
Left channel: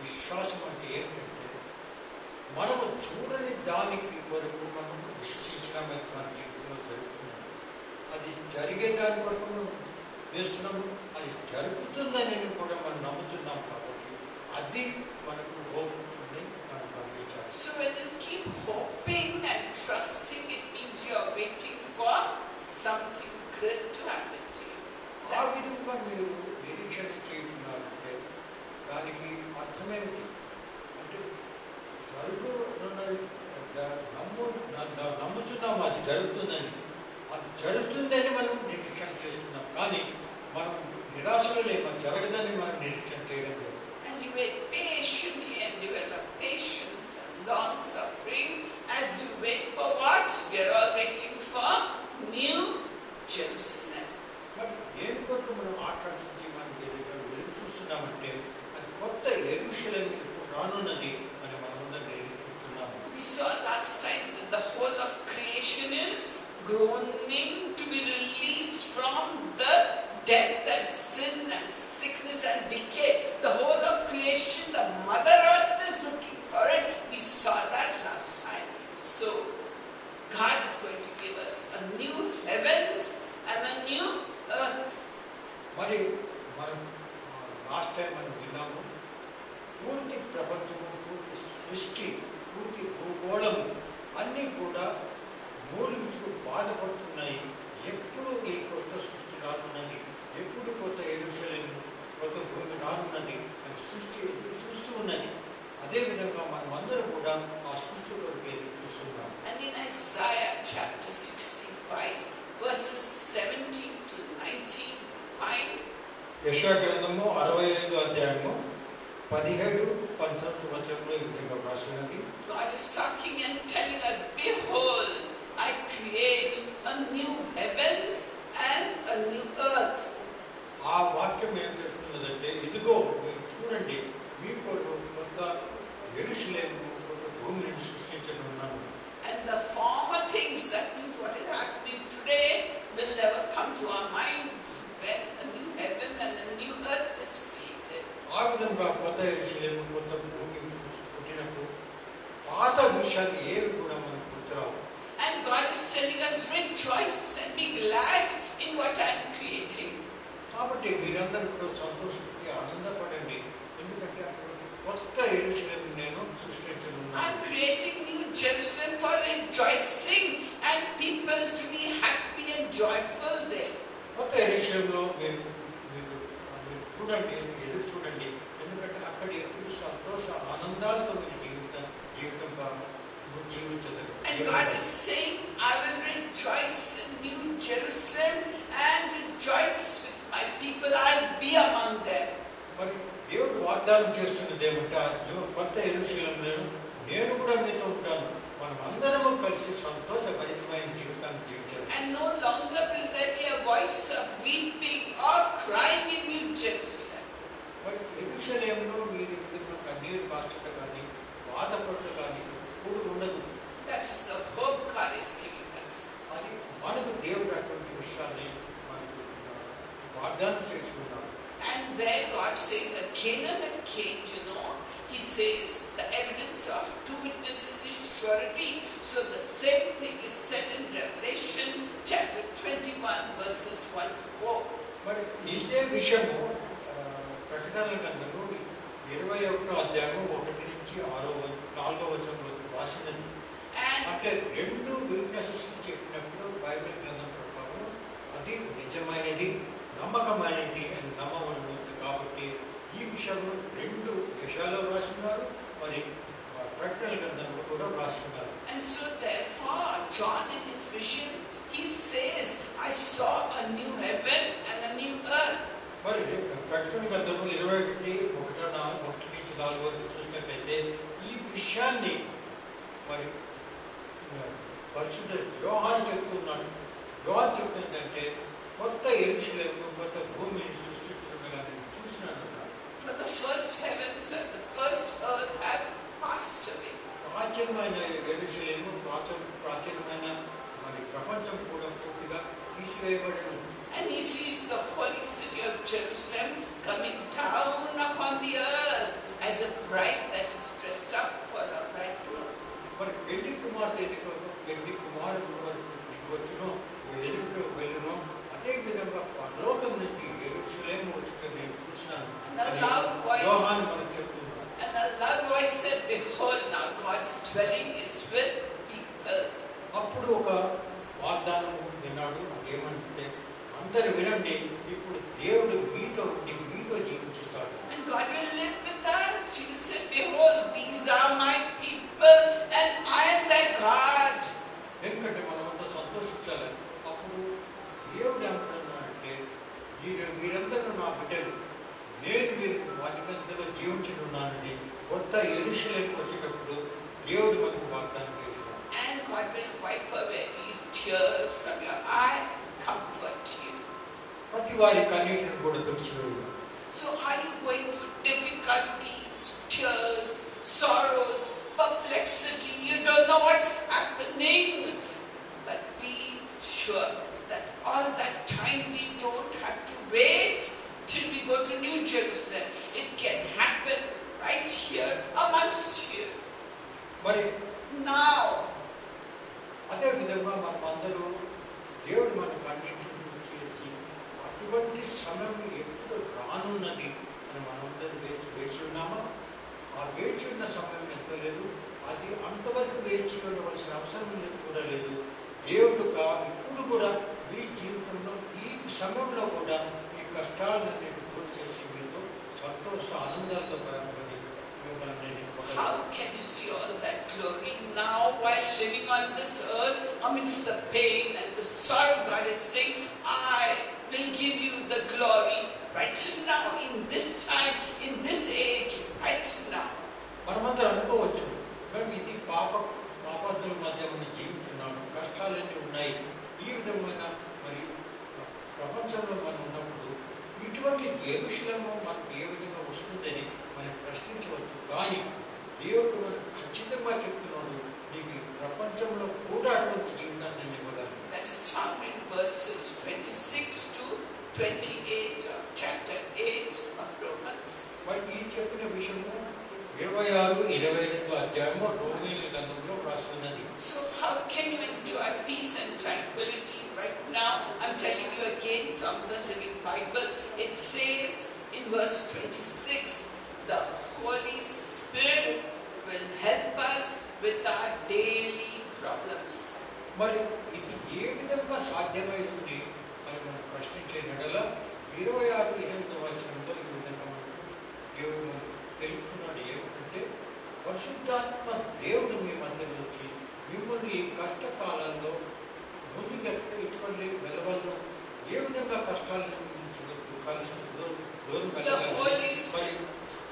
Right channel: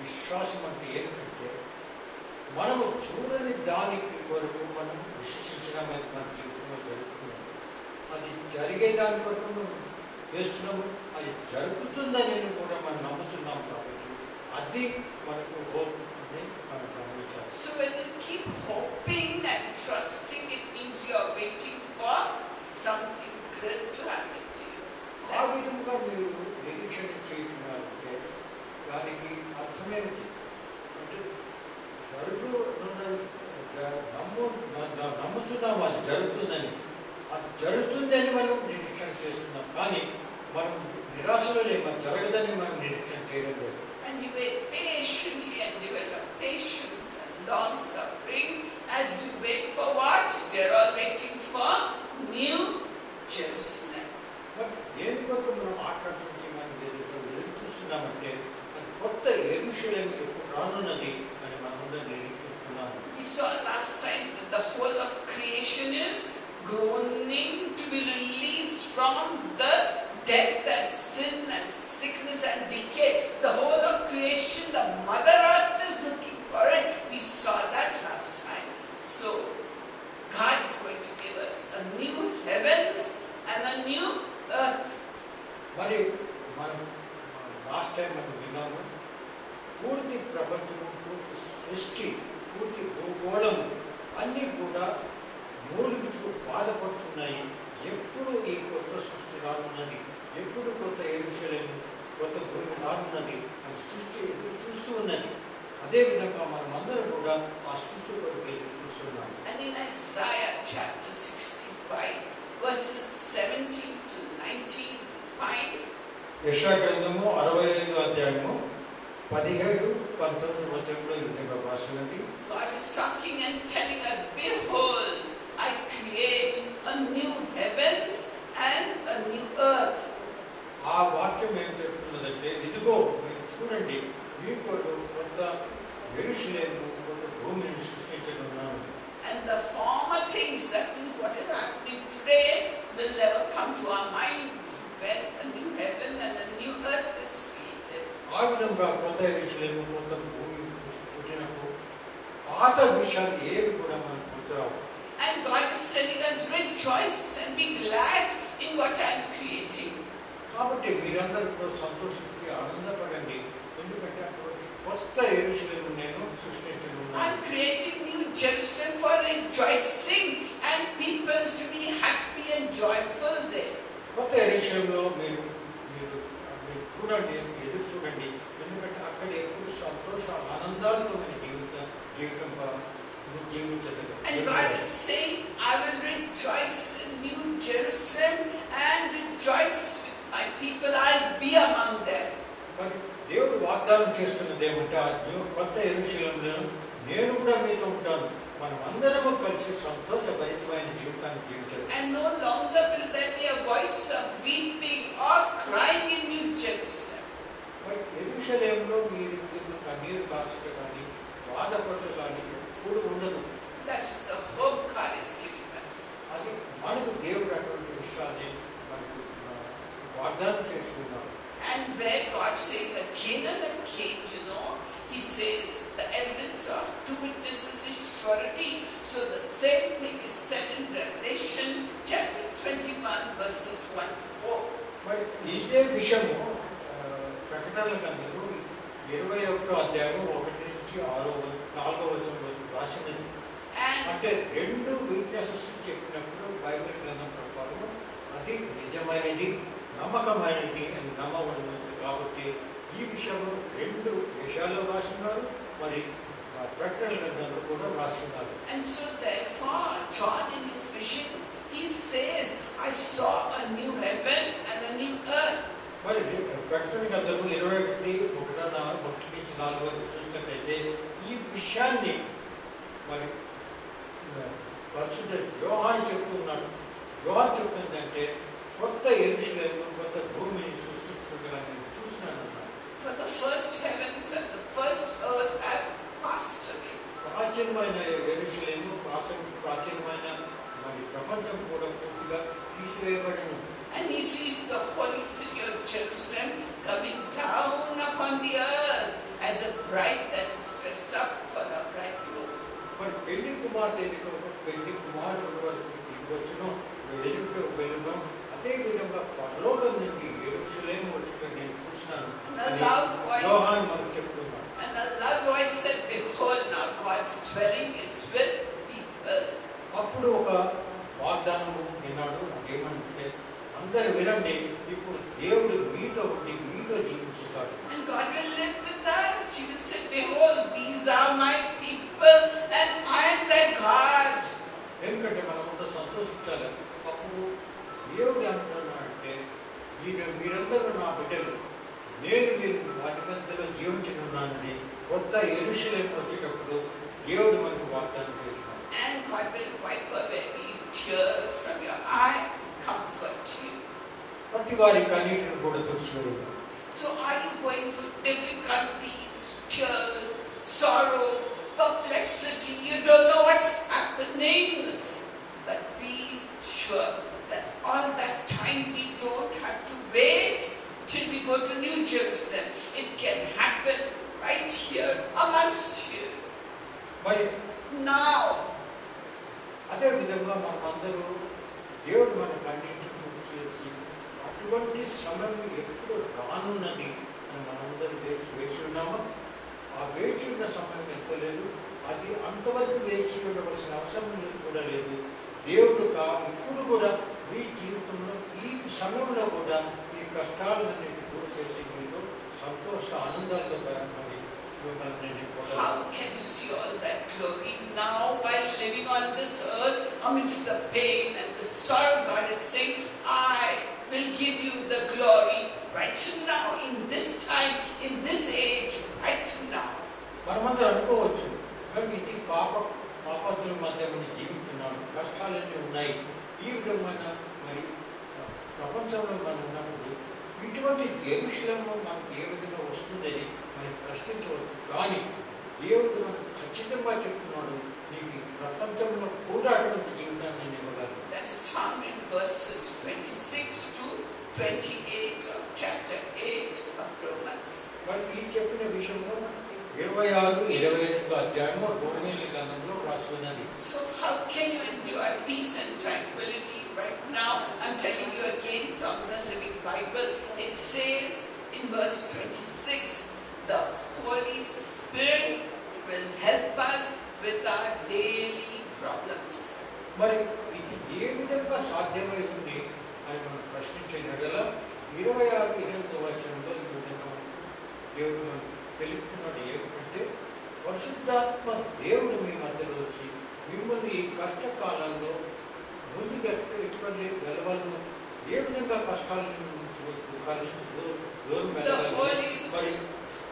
విశ్వాసం అంటే ఏమిటంటే మనము చూడని దానికి వరకు మనం విశ్వసించడానికి మన జీవితంలో జరుగుతున్నాం. అది జరిగే దాని వరకు మనం వేస్తున్నాము, అది జరుగుతుందని కూడా మనం నమ్ముతున్నాం. కాబట్టి అది మనకు హోప్ అని మనం గమనించాలి. So when you keep hoping and trusting, it means you are waiting for something good to happen to you. ఆ విధంగా మీరు నిరీక్షణ చేస్తున్నారంటే దానికి అర్థమేమిటి అంటే నమ్ముతున్నాము అది జరుగుతుందని. అది జరుగుతుందని మనం నిరీక్షణ చేస్తున్నాం, కానీ మనం నిరాశలో లేక జరగదని మనం నిరీక్షణ చేయడం లేదు. And you wait patiently and develop patience and long suffering as you wait for what? We are all waiting for New Jerusalem. మరి దేని కొరకు మనం ఆకర్షించి మనం ఎదురు చూస్తున్నామంటే అది కొత్త యెరూషలేము ఎప్పుడు రానున్నది అని మనమందరం నిరీక్షిస్తున్నాము. We saw last time that the whole of creation is groaning to be released from the death and sin and sickness and decay. The whole of creation, the Mother Earth is looking for it. We saw that last time. So, God is going to give us a new heavens and a new earth. మరి మనం last time మనం విన్నాము, పూర్తి ప్రపంచము, పూర్తి సృష్టి, పూర్తి భూగోళము అన్నీ కూడా మూలించు బాధపడుతున్నాయి. ఎప్పుడు ఈ కొత్త సృష్టి రానున్నది, ఎప్పుడు కొత్త యెరూషలేము, కొత్త భూమి రానున్నది అని సృష్టి ఎదురు చూస్తూ ఉన్నది. అదేవిధంగా మనం అందరం కూడా ఆ సృష్టి కొరకు ఎదురు చూస్తున్నాం. And in Isaiah chapter 65, verses 17 to 19, యెషయా గ్రంథము 65వ అధ్యాయము 17-19 వచనంలో ఈ విధంగా రాసినది. God is talking and telling us, behold, I create a new heavens and a new earth. ఆ వాక్యం ఏం చెప్తున్నదంటే, ఇదిగో మీరు చూడండి, మీ కొరకు కొత్త యెరూషలేము, కొత్త భూమిని సృష్టించనున్నాను. And the former things, that means what is happening today, will never come to our mind when a new heaven and a new earth is created. ఆ విధంగా కొత్త యెరూషలేము, కొత్త భూమి పుట్టినప్పుడు పాత విషయాలు ఏవి కూడా మనకు గుర్తురావు. And God is telling us, rejoice and be glad in what I am creating. కాబట్టి మీరందరూ కూడా సంతోషించి ఆనందపడండి, ఎందుకంటే అటువంటి కొత్త యెరూషలేము నేను సృష్టించనున్నాను. I am creating New Jerusalem for rejoicing and people to be happy and joyful there. కొత్త యెరూషలేములో మీరు చూడండి, ఎదురు చూడండి, ఎందుకంటే అక్కడ ఎప్పుడు సంతోష ఆనందాలతో మీరు జీవితంగా జీవించగలరు. And God is saying, I will rejoice in New Jerusalem and rejoice with my people. I'll be among them. మరి దేవుడు వాగ్దానం చేస్తున్నది ఏమంటే, కొత్త యెరూషలేములో నేను కూడా మీతో ఉంటాను, మనమందరము కలిసి సంతోషభరితమైన జీవితాన్ని జీవించాలి. And no longer will there be a voice of weeping or crying in New Jerusalem. యెరూషలేములో మీరు కన్నీరు కార్చట కానీ బాధపడట కానీ ఎప్పుడు ఉండదు. That is the hope God is giving us. అది మనకు దేవుడు అటువంటి విషయాన్ని మనకు వాగ్దానం చేసుకున్నాడు. And where God says again and again, He says the evidence of two witnesses is surety. So the same thing is said in Revelation chapter 21 verses 1 to 4. మరి ఇదే విషయము ప్రకటనల గ్రంథంలో 21వ అధ్యాయం 1 నుంచి 4వ వచనంలో రాసినది. అంటే రెండు విట్నెసెస్ చెప్పినప్పుడు బైబిల్ గ్రంథం ప్రకారం అది నిజమైనది, నమ్మకమైనది అని నమ్మమైనది. కాబట్టి ఈ విషయంలో రెండు విషయాలు రాస్తున్నారు, మరి ప్రకటనల గ్రంథంలో కూడా రాస్తున్నారు. And so therefore John in his vision he says, I saw a new heaven and a new earth. మరి ప్రకటన గ్రంథం 21:1 నుంచి 4 వరకు చూసినట్లయితే ఈ విషయాన్ని మరి పరిశుద్ధ యోహాను చెప్తున్నాడు. యోహాను చెప్తుందంటే కొత్త యెరూషలేము, కొత్త భూమిని సృష్టించుండగా నేను చూసినాను. For the first heavens and the first earth have passed away. ప్రాచీనమైన యెరూషలేము, ప్రాచీనమైన మరి ప్రపంచం కూడా పూర్తిగా తీసివేయబడను. And he sees the holy city of Jerusalem coming down upon the earth as a bride that is dressed up for a bridegroom. మరి పెళ్లి కుమార్తె పెళ్లి కుమారుడు వరకు దిగొచ్చును, వెళ్ళును. అదే విధంగా పరలోకం నుండి యెరూషలేము వచ్చుట నేను చూసినాను. యోహాను మనకు చెప్తున్నాడు. And a loud voice said, behold, now God's dwelling is with people. అప్పుడు ఒక వాగ్దానం విన్నాడు. అదేమంటే అందరు వినండి, ఇప్పుడు దేవుడు మీతో ఉండి మీతో జీవించిస్తాడు. And God will live with us. He will say, behold, these are my people and I am their God. ఎందుకంటే మనమంతా సంతోషించాలి. అప్పుడు దేవుడు అంటున్నాడంటే మీరందరూ నా బిడ్డలు, నేను మీరు వారి మధ్యలో జీవించుకున్నానని కొత్త యెరూషలేము వచ్చేటప్పుడు దేవుడు మనకు వాగ్దానం చేస్తున్నాడు. And God will wipe away any tears from your eye and comfort you. ప్రతి వారి కన్నీటిని కూడా తుడిచివేయు. So are you going through difficulties, tears, sorrows, perplexity? You don't know what's happening. But be sure that all that time we don't have to wait till we go to New Jerusalem. It can happen right here amongst you. మరి Now. అదే విధంగా మనమందరూ దేవుడు మన కన్నీటిని తుడిచి అటువంటి సమయం ఎప్పుడు రానున్నది అని మనందరూ వేచి ఉన్నామో, ఆ వేచి ఉన్న సమయం ఎంతలేదు. అది అంతవరకు వేచి ఉండవలసిన అవసరం కూడా లేదు. దేవుడు ఇప్పుడు కూడా మీ జీవితంలో ఈ సమయంలో కూడా ఈ కష్టాలన్నింటినీ దూరం చేసి మీతో సంతోష ఆనందాల్లో How can you see all that glory now while living on this earth amidst the pain and the sorrow? God is saying, I will give you the glory right now, in this time, in this age, right now. మనమంతా అనుకోవచ్చు, కానీ ఇది పాపతుల మధ్య జీవిస్తున్నాడు, కష్టాలన్నీ ఉన్నాయి. ఈ విధమైన మరి ప్రపంచంలో మనం ఉన్నప్పుడు ఇటువంటి యెరూషలేము మనకు ఏ విధంగా వస్తుందని మనం ప్రశ్నించవచ్చు. కానీ దేవుడు మనకు ఖచ్చితంగా చెప్తున్నాడు, నీకు ప్రపంచంలో కూడా అటువంటి జీవితాన్ని నేను ఇవ్వగలను. That is found in verses 26 to 28 of chapter 8 of Romans. మరి ఈ చెప్పిన విషయంలో 26-22 అధ్యాయంలో రోమీయుల గ్రంథంలో రాస్తున్నది. So how can you enjoy peace and tranquility right now? I'm telling you again from the Living Bible. It says in verse 26, the Holy Spirit will help us with our daily problems. మరి ఇది ఏ విధంగా సాధ్యమై ఉంది అని మనం ప్రశ్నించే ఎడల 26-28 వచనంలో ఈ విధంగా దేవుడు మనకు తెలుపుతున్నాడు. ఏమిటంటే పరిశుద్ధాత్మ దేవుడు మీ మధ్యలో వచ్చి మిమ్మల్ని ఈ కష్టకాలంలో ముందుకు ఎటువంటి వెళ్ళవలను, ఏ విధంగా కష్టాల నుంచి దుఃఖాల నుంచి దూరం వెళ్ళాలి,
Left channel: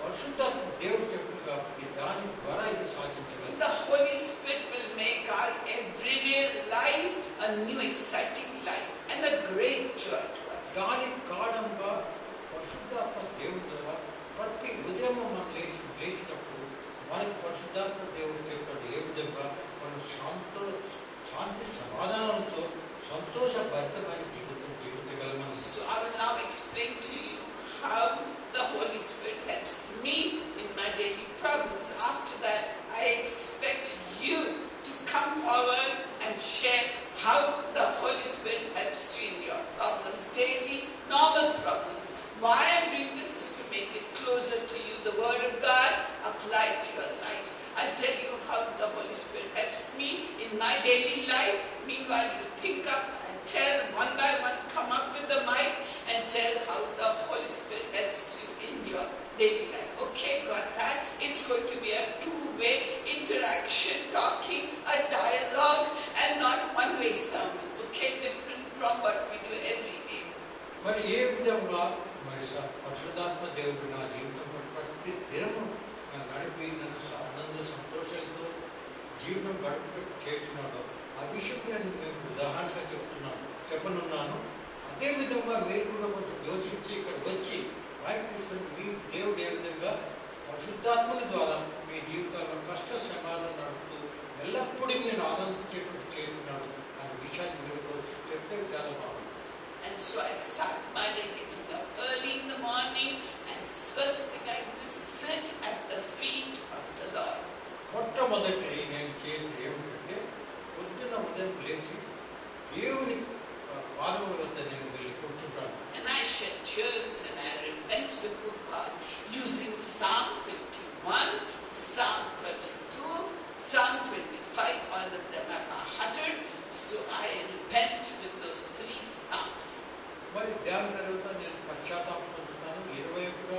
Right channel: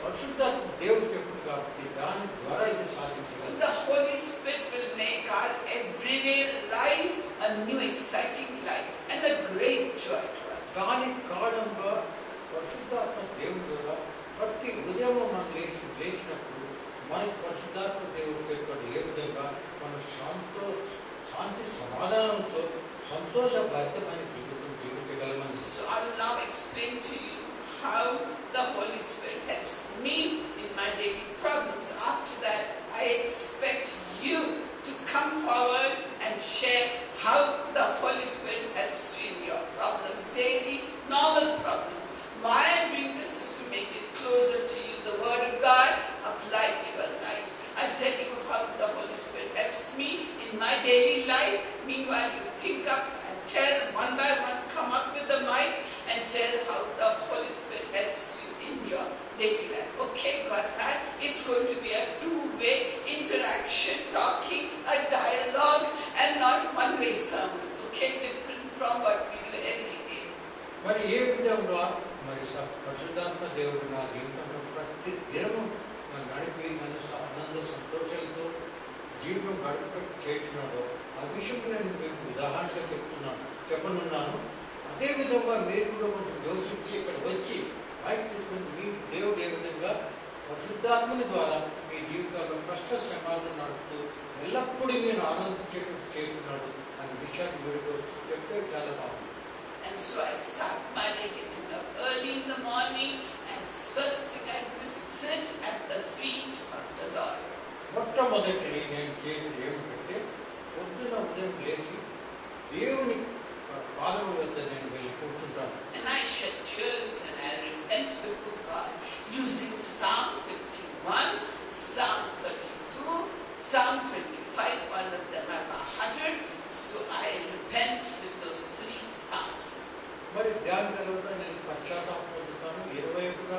పరిశుద్ధాత్మ దేవుడు చెప్పుడు కాబట్టి దాని ద్వారా ఇది సాధించగలరు. The Holy Spirit will make our everyday life a new exciting life and a great joy to us. దాని కారణంగా పరిశుద్ధాత్మ దేవుడు ద్వారా ప్రతి ఉదయం మనం లేచినప్పుడు మనకి పరిశుద్ధాత్మ దేవుడు చెప్పాడు ఏ విధంగా మనం శాంతి సమాధానంతో సంతోషభరితమైన జీవితం జీవించగలమని. So I will now explain to you how the Holy Spirit helps me in my daily problems. After that, I expect you to come forward and share how the Holy Spirit helps you in your problems, daily, normal problems. Why I'm doing this is to make it closer to you, the Word of God, applied to your lives. I'll tell you how the Holy Spirit helps me in my daily life. Meanwhile, you think up and tell one by one, come up with the mic and tell how the Holy Spirit helps you in your daily life. Okay, got that? It's going to be a two-way interaction, talking, a dialogue, and not one-way sermon. Okay, different from what we do every day. మరి ఏ విధంగా మరి పరిశుద్ధాత్మ దేవుడు నా జీవితంలో ప్రతి దినము నన్ను నడిపి నన్ను సంతోషాలతో జీవితం గడుపుపెట్టి చేస్తున్నాడో ఆ విషయం నేను మీకు ఉదాహరణగా చెప్పనున్నాను. అదే విధంగా మీరు కూడా కొంచెం యోచించి ఇక్కడ వచ్చి మైక్ తీసుకుని మీ దేవుడు ఏ విధంగా పరిశుద్ధాత్మని ద్వారా మీ జీవితాల్లో కష్ట శ్రమాలను నడుపుతూ ఎల్లప్పుడూ మీరు ఆనందించేటట్టు చేస్తున్నాడు అనే విషయాన్ని మీరు వచ్చి చెప్తే చాలా బాగుంది. And so I start my day getting up early in the morning, and first thing I do is sit at the feet of the Lord. మొట్టమొదటి నేను చేయడం ఏమిటంటే పొద్దున ఉదయం లేచి దేవుని పాదము వద్ద నేను వెళ్ళి కూర్చుంటాను. And I shed tears and I repent before God using Psalm 51, Psalm 32, Psalm 25. All of them are by heart. So I repent with those three Psalms. మరి దాని తర్వాత నేను పశ్చాత్తాపం పొందుతాను. 21వ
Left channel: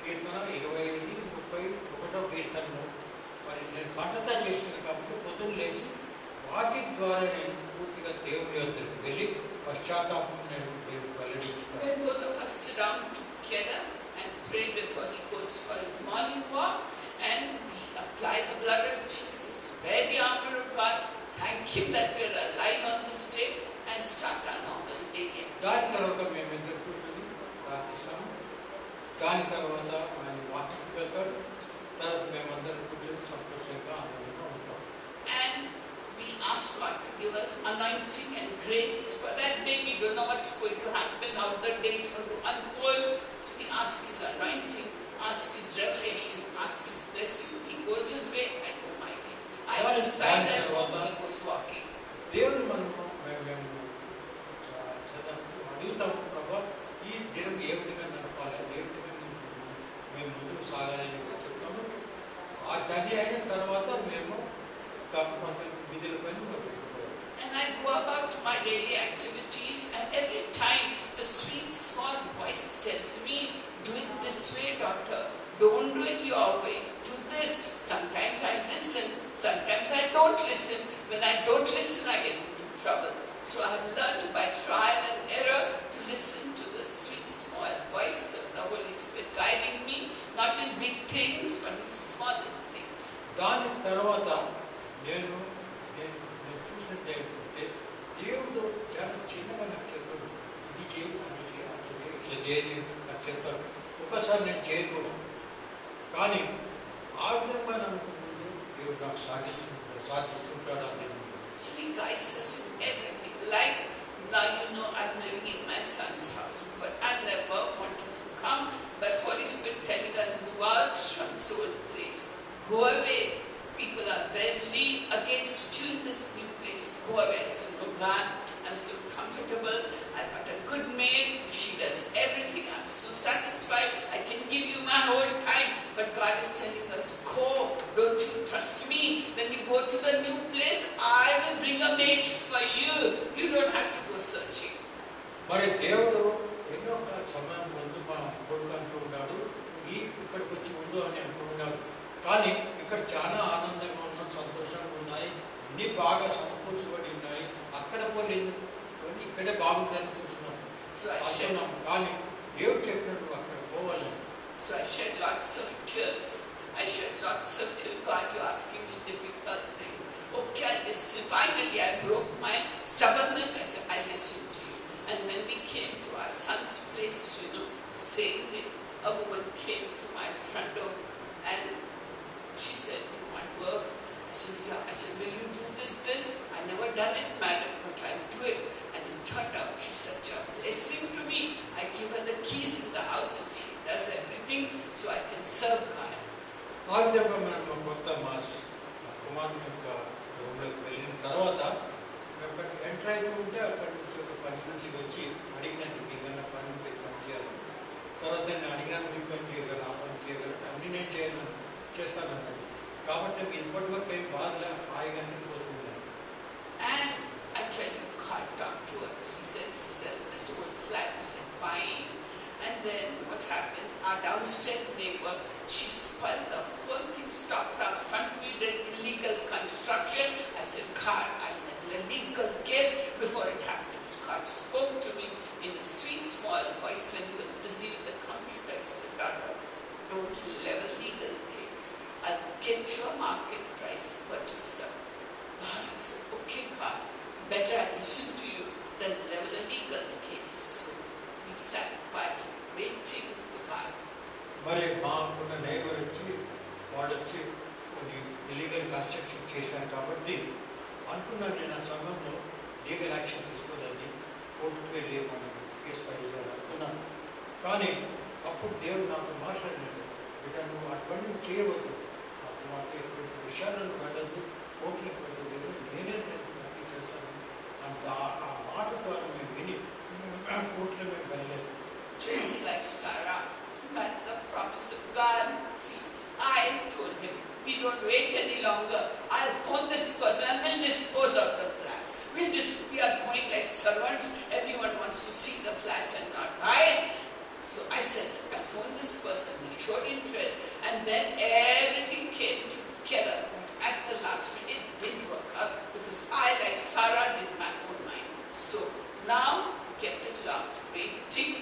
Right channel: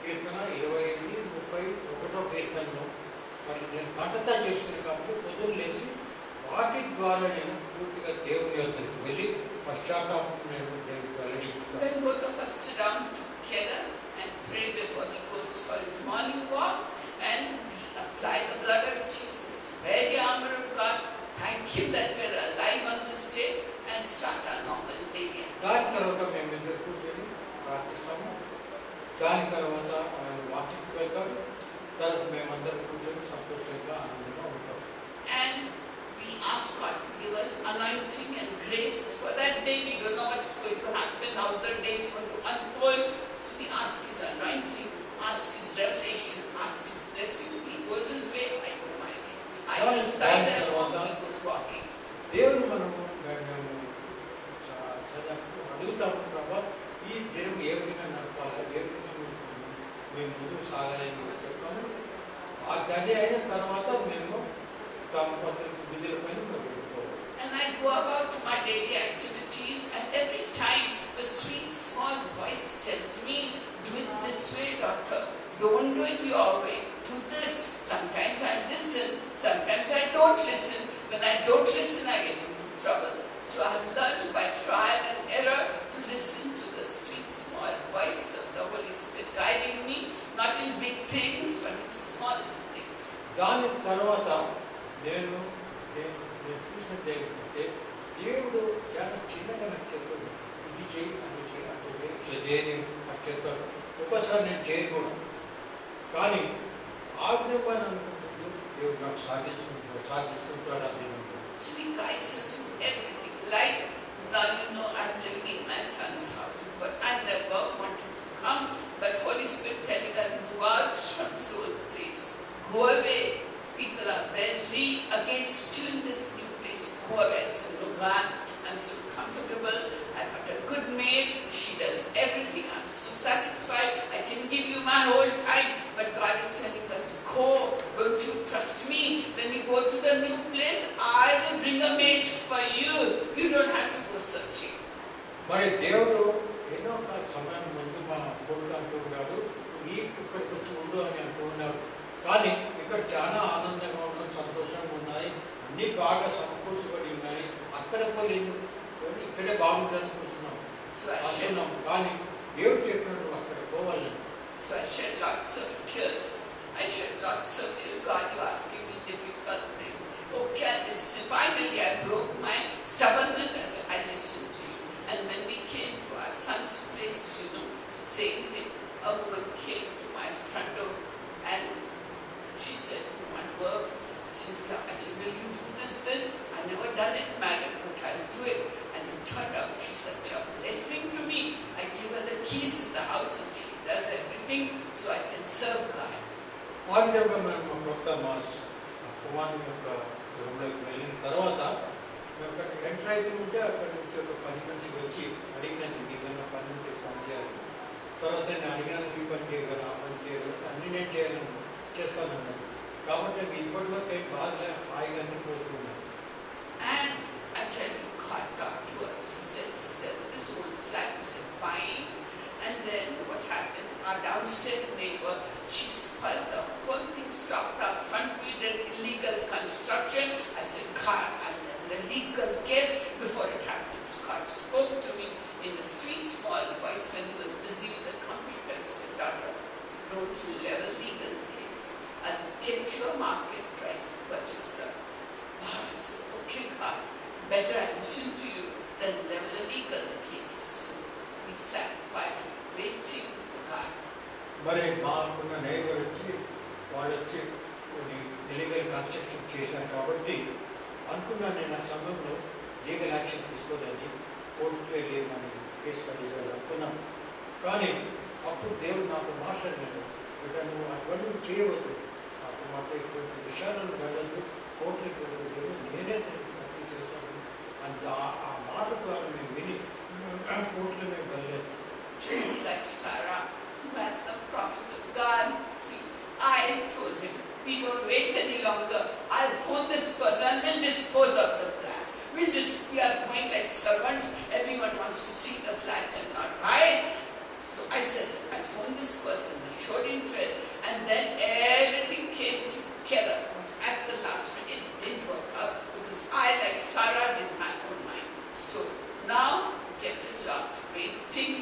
కీర్తన, 25, 31వ కీర్తనను మరి నేను పంటతా చేసుకుని కాబట్టి పొద్దున్న లేచి వాటి ద్వారా నేను పూర్తిగా దేవుని యొద్దకు వెళ్ళి పశ్చాత్తాపం నేను దేవుడికి వెల్లడిస్తాను. Then both of us sit down together and pray before he goes for his morning walk, and we apply the blood of Jesus, wear the armor of God, thank him that we are alive on this day, and start our normal day again. దాని తర్వాత మేము ఇద్దరు కూర్చొని ప్రార్థిస్తాము. దాని తర్వాత మేము వాకింగ్కి వెళ్తాం. తర్వాత మేమందరం కూర్చొని సంతోషంగా ఆనందంగా ఉంటాం. And we ask God to give us anointing and grace for that day. We don't know what's going to happen, how the day is going to unfold. So we ask his anointing, ask his revelation, ask his blessing. He goes his way, I go my way. I decide at home, he goes walking. దేవుని మేము అడుగుతాము, ప్రభా ఈ దినం ఏ విధంగా నడపాలి, ఏ విధంగా మేము ముందుకు సాగాలని కూడా చెప్తాము. అది అయిన తర్వాత మేము కాకపోతులకు విధులపైన పెట్టుకోవాలి. And I go about my daily activities, and every time a sweet small voice tells me, do it this way, daughter. Don't do it your way. Do this. Sometimes I listen, sometimes I don't listen. When I don't listen, I get into trouble. So I have learned by trial and error to listen to the sweet small voice of the Holy Spirit guiding me, not in big things, but in small little things. దాని తర్వాత నేను చూసినట్టు ఏంటంటే దేవుడు చాలా చిన్నగా నాకు చెప్పాడు, ఇది చేయి, అది చేయి, అది చేయి, ఇట్లా చేయని నాకు చెప్తాడు. ఒక్కసారి నేను చేయకూడదు, కానీ ఆ విధంగా అనుకుంటున్నాడు దేవుడు నాకు సాధిస్తుంటాడు అని నేను. So he guides us in everything. Like now you know I'm living in my son's house, but I never wanted to come. But Holy Spirit telling us, move out from this old place. Go away. People are very against you in this new place. Go away. So God, I'm so comfortable. I've got a good maid. She does everything. I'm so satisfied. I can give you my whole time. But God is telling us, go. Don't you trust me? When you go to the new place, I will bring a maid for you. You don't have to go searching. మరి దేవుడు ఎన్నో సమయం ముందు మా కొడుకు అంటున్నాడు, ఈ ఇక్కడికి వచ్చి ఉండు అని అంటున్నాడు. కానీ ఇక్కడ చాలా ఆనందంగా ఉన్నాం, సంతోషంగా ఉన్నాయి, అన్ని బాగా సమకూర్చబడి ఉన్నాయి. అక్కడ పోలేదు, ఇక్కడే బాగుంటుందని కూర్చున్నాం. కానీ దేవుడు చెప్పినట్టు అక్కడ పోవాలని. So I shed lots of tears. God, you're asking me difficult thing. Okay, I listen. Finally, I broke my stubbornness. I said, I listen to you. And when we came to our son's place, same day, a woman came to my front door and she said, you want work? I said, yeah. I said, will you do this? I never done it, madam, but I'll do it. And it turned out she's such a blessing to me. I give her the keys in the house and she does everything so I can serve God. ఆ విధంగా మనకు కొత్త మా కుమారుని యొక్క రూమ్లోకి వెళ్ళిన తర్వాత అక్కడ ఎంటర్ అయితే ఉంటే అక్కడ నుంచి ఒక 10 నిమిషం వచ్చి అడిగినది ఏమైనా పని ఉంటే పని చేయాలి. తర్వాత నేను అడిగినది పని చేయగలను, ఆ పని చేయగలను, అన్నీ నేను చేస్తాను. కాబట్టి నేను ఇప్పటివరకు ఏం బాగా హాయిగా పోతూ ఉన్నాను. And I tell you, God talked to us. He said, sell this old flat. We said, fine. And then what happened? Our downstairs neighbor, she spoiled the whole thing, stopped our front. We did illegal construction. I said, God, I have a legal case before it happens. God spoke to me in a sweet, small voice when he was busy with the computer. He said, daughter, don't level legal case. I'll get your market price purchaser. I said, okay, God, better I listen to you than level a legal case. We sat quietly, waiting for God. మరి మాకున్న neighbour వచ్చి వాళ్ళు వచ్చి కొన్ని illegal construction చేశాను కాబట్టి అనుకున్నాను నేను ఆ సమయంలో లీగల్ యాక్షన్ తీసుకోవాలని కోర్టుకు వెళ్ళి మనం కేసు పడేయాలి అనుకున్నాను. కానీ అప్పుడు దేవుడు నాకు మాట్లాడినాడు, బిడ్డ నువ్వు అటువంటి చేయవద్దు, నాకు మాట ఇటువంటి విషయాలను వెళ్ళద్దు, కోర్టులకు వెళ్ళదు, నేనే దాన్ని చేస్తాను అంత ఆ మాట ద్వారా మేము విని కోర్టులో మేము వెళ్ళలేదు. Just like Sarah, who had the promise of God. See, I told him, we don't wait any longer. I'll phone this person and we'll dispose of the flat. We are going like servants. Everyone wants to see the flat and not buy. So I said, I'll phone this person. He showed interest. And then everything came together. But at the last minute, it didn't work out because I, like Sarah, did my own mind. So now, get it locked, waiting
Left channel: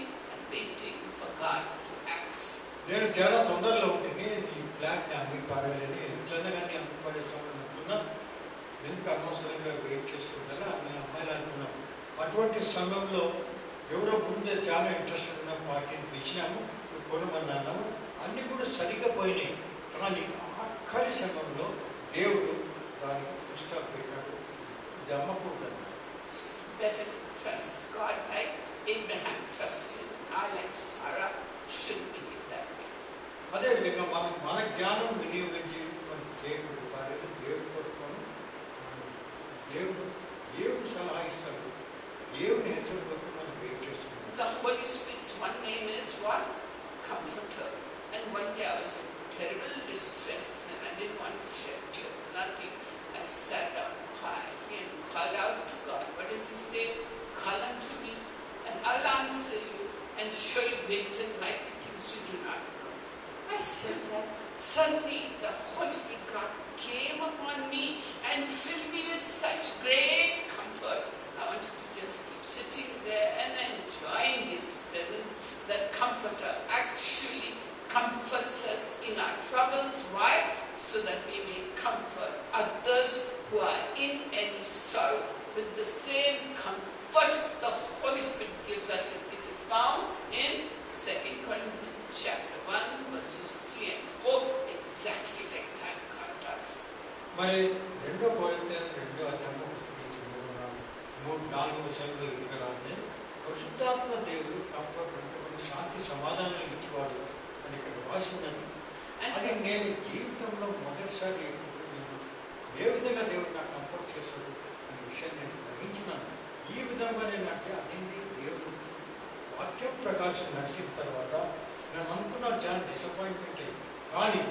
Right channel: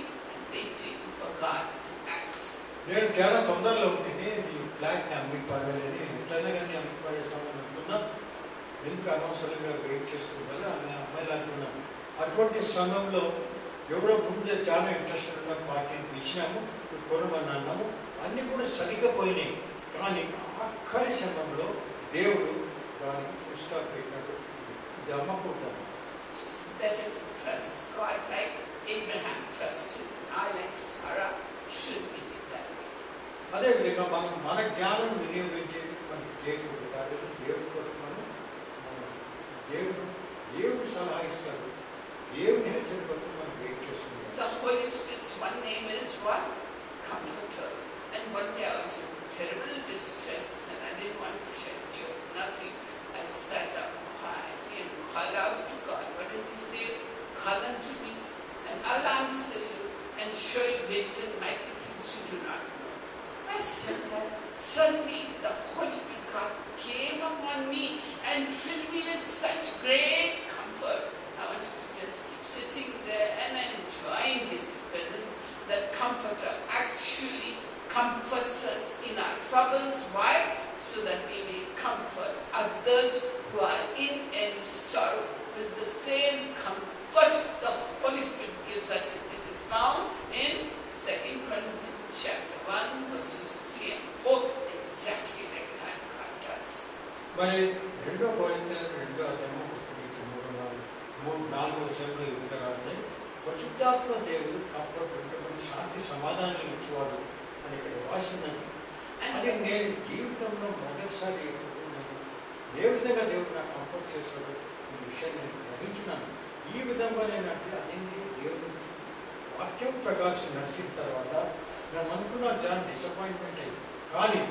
for God to act. నేను చాలా తొందరలో ఉంటుంది ఈ ఫ్లాట్ని అమ్మి పాడాలని చిన్నగానే అమ్మి పాడేస్తామని అనుకున్నాను. ఎందుకు అనవసరంగా వెయిట్ చేసుకుంటాను ఆమె అమ్మాయిలు అనుకున్నాను. అటువంటి సమయంలో ఎవరో ముందే చాలా ఇంట్రెస్ట్ ఉన్న పార్టీని పిలిచినాము, కొనమని అన్నాము, అన్నీ కూడా సరిగ్గా పోయినాయి. కానీ ఆఖరి సమయంలో దేవుడు దానికి ఫుల్ స్టాప్ పెట్టినట్టు ఇది అమ్మకూడదు. It's better to trust God like Abraham trusted. I, like Sarah, should be with that way. అదేవిధంగా మనం మన జ్ఞానం వినియోగించి మనం చేయకూడదు. కాబట్టి దేవుడు కొడుకున్నాను, దేవుడు సలహా ఇస్తాడు, దేవుని హెచ్చరికలకు మనం వెయిట్ చేస్తున్నాం. The Holy Spirit's one name is what? Comforter. And one day I was in terrible distress and I didn't want to shed tears, nothing. I sat up quietly and called out to God. What does He say? Call unto me and I'll answer you and show you great and mighty things you do not know. I said that. Suddenly the Holy Spirit God came upon me and filled me with such great comfort. I wanted to just keep sitting there and enjoying His presence. The Comforter actually comforts us in our troubles. Why? So that we may comfort others who are in any sorrow with the same comfort the Holy Spirit gives us. It is found in 2 Corinthians chapter 1 verses 3 and 4. Exactly like that God does. మరి 2 కొరింథీయులు 2వ అధ్యాయము 3-4 వచనంలో ఇక్కడ ఉంది, పరిశుద్ధాత్మ దేవుడు comfort అంటే మనకు శాంతి సమాధానం ఇచ్చేవాడు అని ఇక్కడ రాసినది. అది నేను జీవితంలో మొదటిసారి నేను ఏ విధంగా దేవుడు నాకు కంఫర్ట్ చేస్తాడు అనే విషయాన్ని నేను గ్రహించినాను. ఈ విధంగా నేను నడిచి అదేంటి దేవుడు వాక్యం ప్రకాశం నడిచిన తర్వాత నేను అనుకున్నాను చాలా డిసప్పాయింట్మెంట్ అయింది. కానీ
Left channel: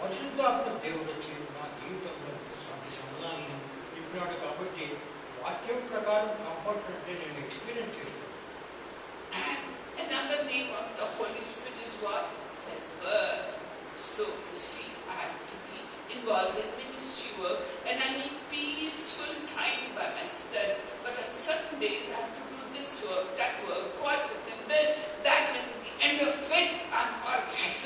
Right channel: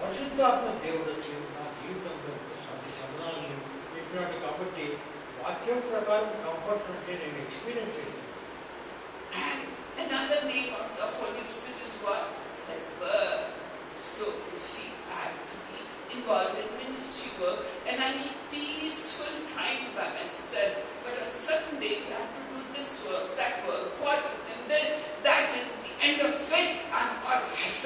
పరిశుద్ధాత్మ దేవుడు వచ్చి నా జీవితంలో శాంతి సమాధానం ఇచ్చినాడు. కాబట్టి వాక్యం ప్రకారం కంఫర్ట్ అంటే నేను ఎక్స్పీరియన్స్ చేశాను. And another name of the Holy Spirit is what? The Word. So you see, I have to be involved in ministry work and I need peaceful time by myself. But on certain days I have to do this work, that work, what with them, that, and the end of it I'm all hassle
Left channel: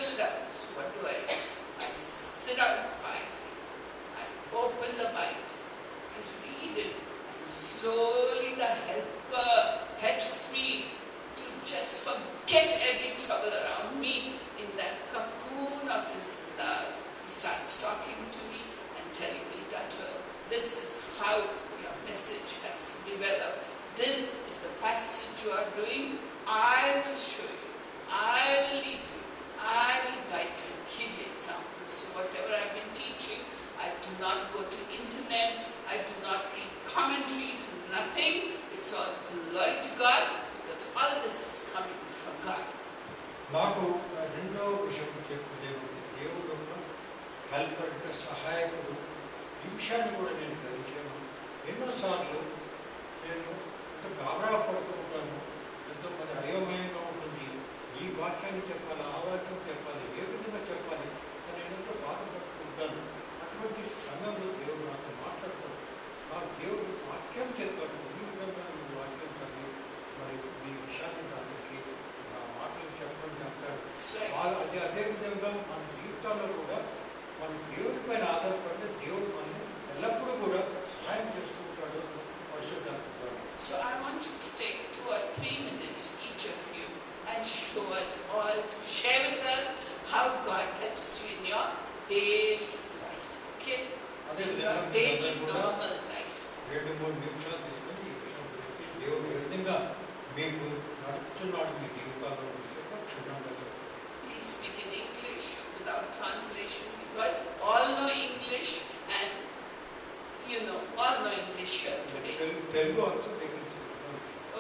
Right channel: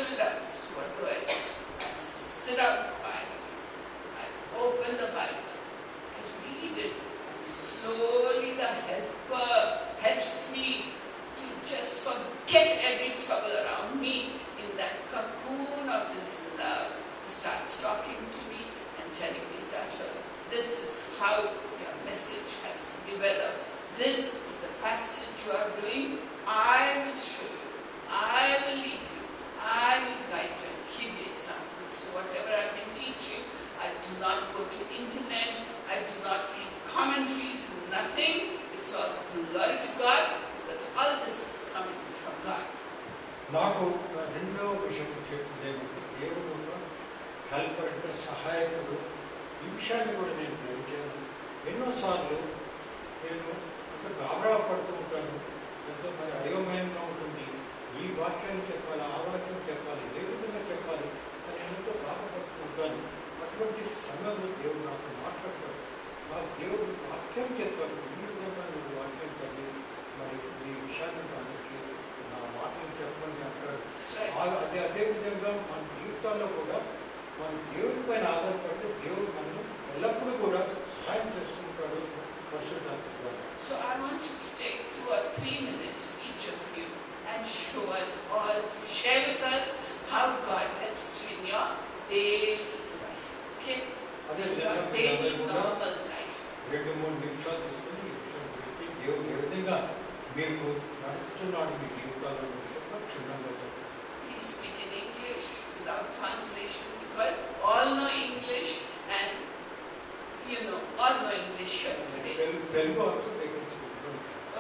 get every trouble around me in that cocoon of His love. He starts talking to me and telling me, daughter, this is how your message has to develop. This is the passage you are doing. I will show you. I will lead you. I will guide you and give you examples. So whatever I've been teaching, I do not go to internet. I do not read commentaries, nothing. It's all glory to God, because all this is coming from God. నాకు రెండవ విషయం చెప్పేది దేవుడు helper అంటే సహాయకుడు. ఈ విషయాన్ని కూడా నేను గ్రహించాను. ఎన్నోసార్లు నేను ఎంతో గాబరా పడుతూ ఉంటాను, ఎంతో మరి అయోమయంగా ఉంటుంది. ఈ వాక్యాన్ని చెప్పాలి, ఆ వాక్యం చెప్పాలి, ఏ విధంగా చెప్పాలి అని నేను ఎంతో బాధపడుతూ ఉంటాను. అటువంటి సమయంలో దేవుడు నాతో మాట్లాడతాడు. ఆ దేవుడు వాక్యం చెప్తాడు, ఈ విధంగా నువ్వు వాక్యం చదివి మరి ఈ విషయాన్ని అందరికీ నా మాటలు చెప్పమని అంటాడు. అదే విధంగా మన జీవితాల్లో కూడా మన దేవుడి పైన ఆధారపడితే దేవుడు మనల్ని ఎల్లప్పుడూ కూడా సహాయం చేస్తూ ఉంటాడు. So I want you to take 2 or 3 minutes, each of you, and show us all, to share with us how God helps you in your daily life. Okay? In your daily normal life. 2-3 నిమిషాలు తీసుకొని ఈ విషయం గురించి దేవుడు ఏ విధంగా మీకు నడుపుతున్నాడు మీ జీవితాల్లో విషయంలో క్షుణ్ణంగా చెప్పండి. Please speak in English without translation, because all know English and all know English here today. Telugu also they can speak.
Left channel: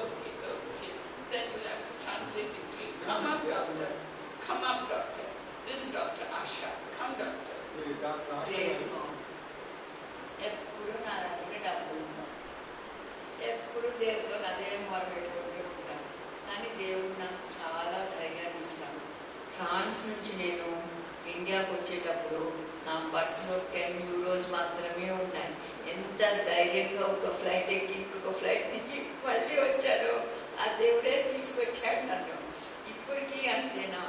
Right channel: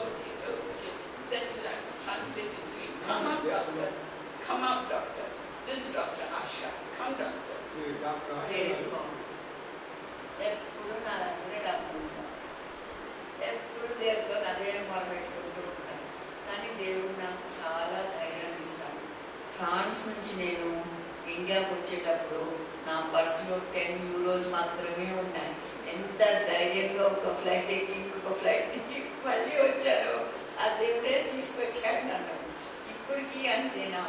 Okay. Then we'll have to translate it to you. Come up, doctor. Come up, doctor. This is Dr. Asha. Come, doctor. Doctor Asha ఎప్పుడు నా దగ్గర డబ్బులు ఉంటాను, ఎప్పుడు దేవుడితో అదే మొరపెట్టుకుంటూ ఉంటాను. కానీ దేవుడు నాకు చాలా ధైర్యాన్ని ఇస్తాడు. ఫ్రాన్స్ నుంచి నేను ఇండియాకి వచ్చేటప్పుడు నా పర్సులో 10 euros మాత్రమే ఉన్నాయి. ఎంత ధైర్యంగా ఒక ఫ్లైట్ ఎక్కి ఇంకొక ఫ్లైట్ ఎక్కి మళ్ళీ వచ్చాను. ఆ దేవుడే తీసుకొచ్చాడు నన్ను. ఇప్పటికీ అంతేనా,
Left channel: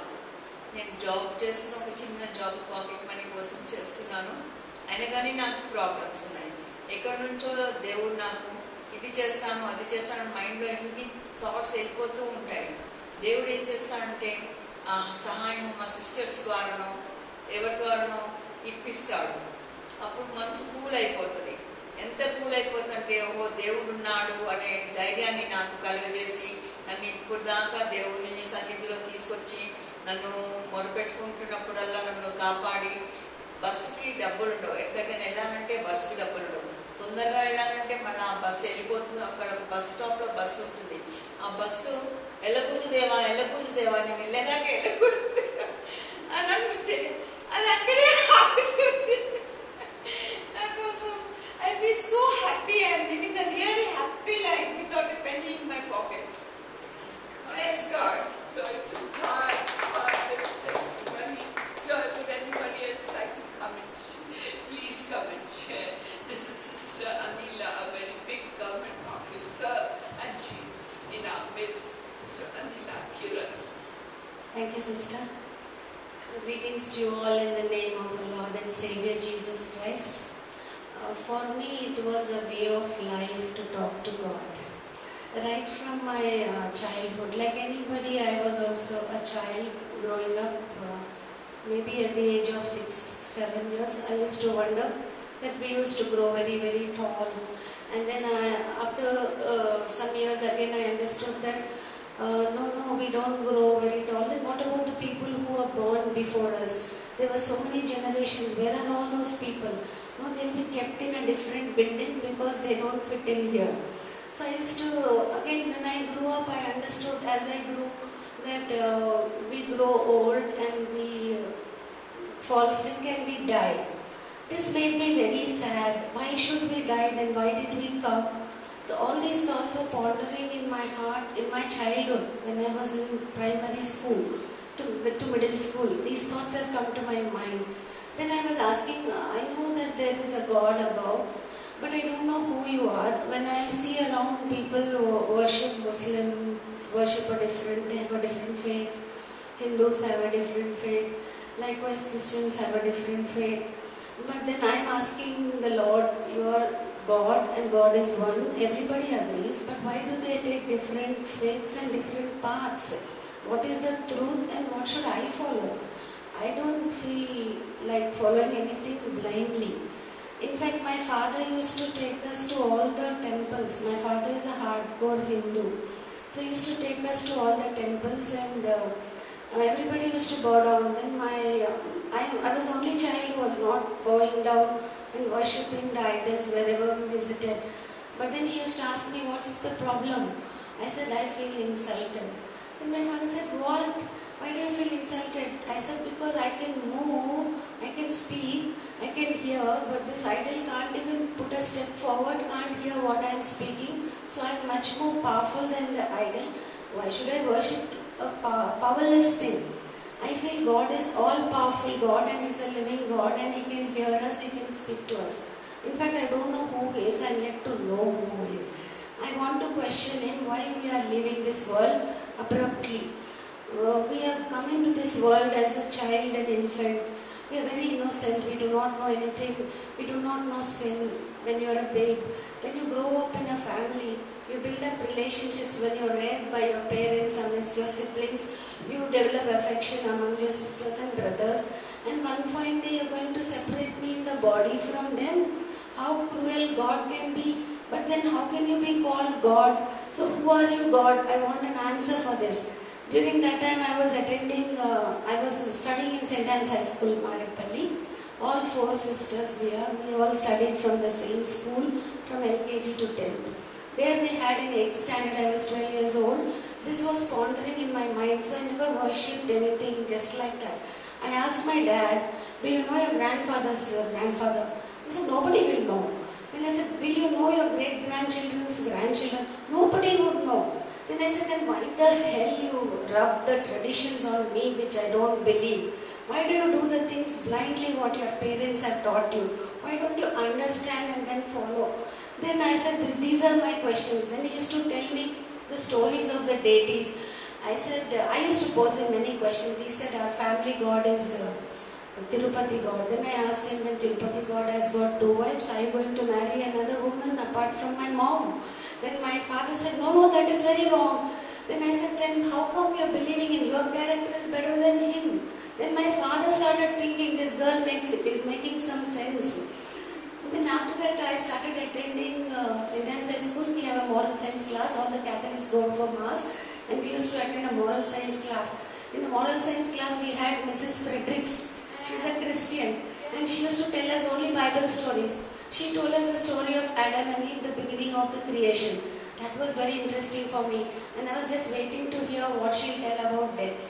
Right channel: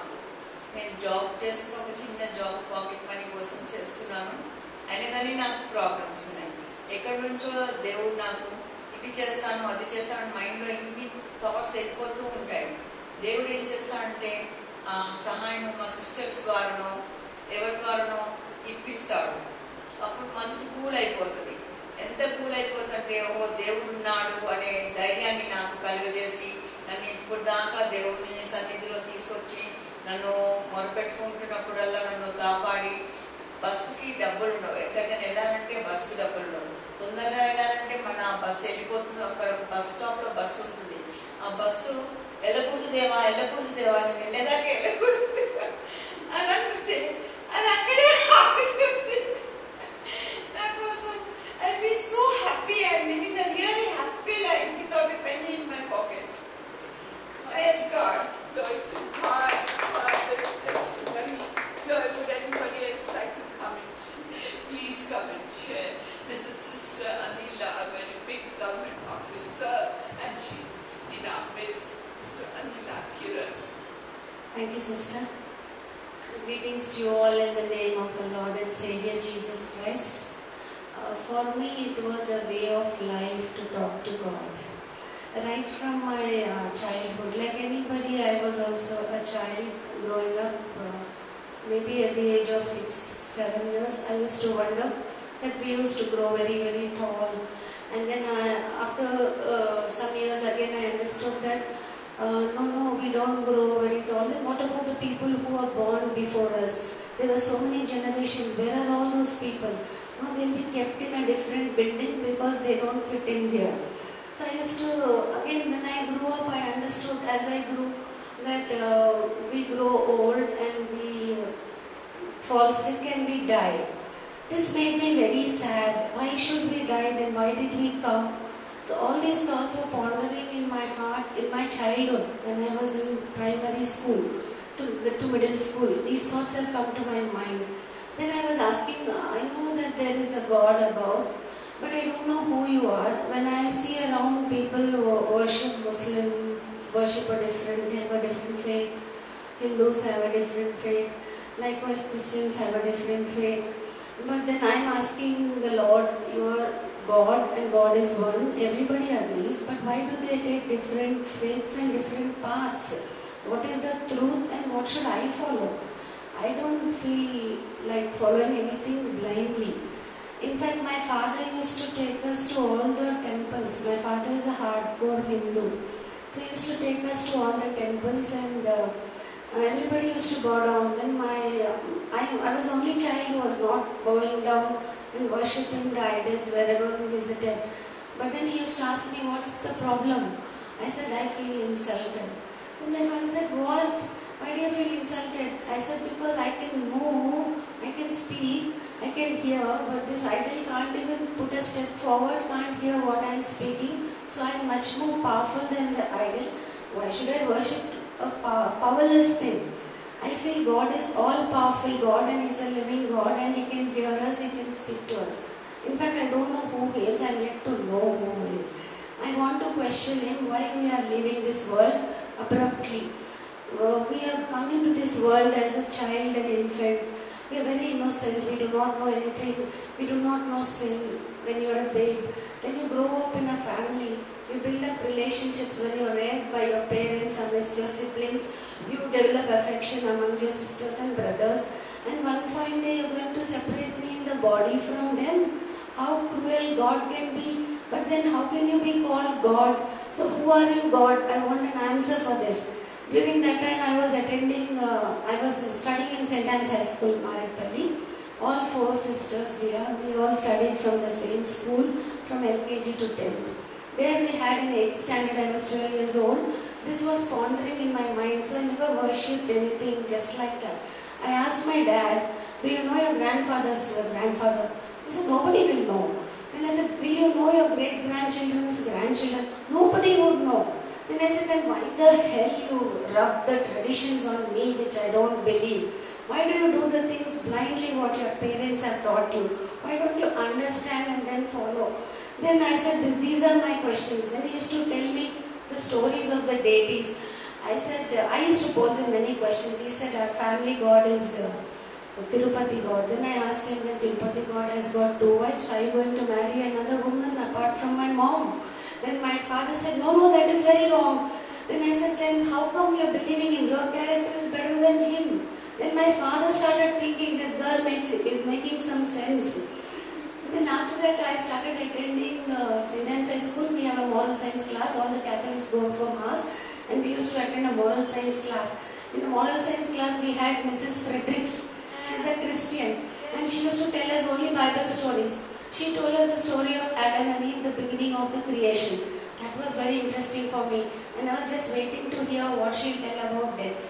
నేను జాబ్ చేస్తున్న, ఒక చిన్న జాబ్ పాకెట్ మనీ కోసం చేస్తున్నాను. అయినా కానీ నాకు ప్రాబ్లమ్స్ ఉన్నాయి. ఎక్కడి నుంచో దేవుడు నాకు ఇది చేస్తాను అది చేస్తాను, మైండ్లో ఎన్ని థాట్స్ వెళ్ళిపోతూ ఉంటాయి. దేవుడు ఏం చేస్తాడంటే ఆ సహాయం మా సిస్టర్స్ ద్వారానో ఎవరి ద్వారానో ఇప్పిస్తాడు. అప్పుడు మనసు కూల్ అయిపోతుంది. ఎంత కూల్ అయిపోతుందంటే ఓ దేవుడు ఉన్నాడు అనే ధైర్యాన్ని నాకు కలుగజేసి నన్ను ఇప్పుడు దాకా దేవుడిని సన్నిధిలో తీసుకొచ్చి నన్ను మొరపెట్టుకుంటున్నప్పుడల్లా నన్ను కాపాడి, బస్సుకి డబ్బులు ఉండవు, ఎక్కడికైనా వెళ్ళాలంటే బస్సుకి డబ్బులు ఉండవు, తొందరగా వెళ్ళాలంటే మన బస్సు వెళ్ళిపోతుంది, అక్కడ బస్ స్టాప్లో బస్సు ఉంటుంది, ఆ బస్సు వెళ్ళకూడదు దేవా అని వెళ్ళేదాకా వెళ్ళకూడదు అని అంటుంటే అది అక్కడే ఆగుతుంది. నాకోసం I feel so happy. I am living a really happy life without a penny in my pocket. Praise God. Glory to God. For this testimony. Would anybody else like to come and share? Please come and share. This is Sister Anila, a very big government officer, and she's in our midst. Sister Anila Kiran. Thank you, Sister. Greetings to you all in the name of our Lord and Savior Jesus Christ. For me, it was a way of life to talk to God. Right from my childhood, like anybody, I was also a child growing up. Maybe at the age of 6-7 years, I used to wonder that we used to grow very, very tall. And then after some years again, I understood that no, we don't grow very tall. Then what about the people who were born before us? There were so many generations. Where are all those people? No, they'll be kept in a different building because they don't fit in here. So I used to, again, when I grew up, I understood as I grew that we grow old and we fall sick and we die. This made me very sad. Why should we die then? Why did we come? So all these thoughts were pondering in my heart in my childhood when I was in primary school to middle school. These thoughts have come to my mind. Then I was asking, I know that there is a God above, but I don't know who you are. When I see around people who worship Muslims, worship they have a different faith. Hindus have a different faith. Likewise, Christians have a different faith. But then I'm asking the Lord, you are God and God is one. Everybody agrees, but why do they take different faiths and different paths? what is the truth and what should I follow. I don't feel like following anything blindly. In fact, my father used to take us to all the temples. My father is a hardcore Hindu. So he used to take us to all the temples, and everybody used to bow down. Then I was the only child who was not bowing down and worshipping the idols wherever we visited. But then he used to ask me, what's the problem? I said, I feel insulted. Then my father said, what? Why do you feel insulted? I said, because I can move, I can speak, I can hear, but this idol can't even put a step forward, can't hear what I am speaking. So I am much more powerful than the idol. Why should I worship a powerless thing? I feel God is all-powerful God, and He is a living God, and He can hear us, He can speak to us. In fact, I don't know who He is, I am yet to know who He is. I want to question Him why we are leaving this world abruptly. We have come into this world as a child and infant. We are very innocent, we do not know anything, we do not know sin when you are a babe. Then you grow up in a family, you build up relationships when you are reared by your parents, amongst your siblings, you develop affection amongst your sisters and brothers, and one fine day you are going to separate me in the body from them. How cruel God can be, but then how can you be called God? So who are you, God? I want an answer for this. During that time I was studying in St. Anne's High School, Maradpalli. All 4 sisters we all studied from the same school from LKG to 10th. There we had in 8th standard, I was 12 years old. This was pondering in my mind, so I never worshipped anything just like that. I asked my dad, do you know your grandfather's grandfather? He said, nobody will know. Then I said, will you know your great-grandchildren's grandchildren? Nobody would know. Then I said, then why the hell you rub the traditions on me which I don't believe? Why do you do the things blindly what your parents have taught you? Why don't you understand and then follow? Then I said, these are my questions. Then he used to tell me the stories of the deities. I said, I used to pose him many questions. He said, our family god is Tirupati god. Then I asked him, when Tirupati god has got 2 wives, are you going to marry another woman apart from my mom? Then my father said, no, that is very wrong. Then I said, then how come you are believing him? Your character is better than him. Then my father started thinking, this girl is making some sense. Then after that I started attending St. Anne's High School. We have a moral science class. All the Catholics go for mass, and we used to attend a moral science class. In the moral science class we had Mrs. Fredericks. She's a Christian, and she used to tell us only Bible stories. She told us the story of Adam and Eve, the beginning of the creation. That was very interesting for me, and I was just waiting to hear what she'll tell about death.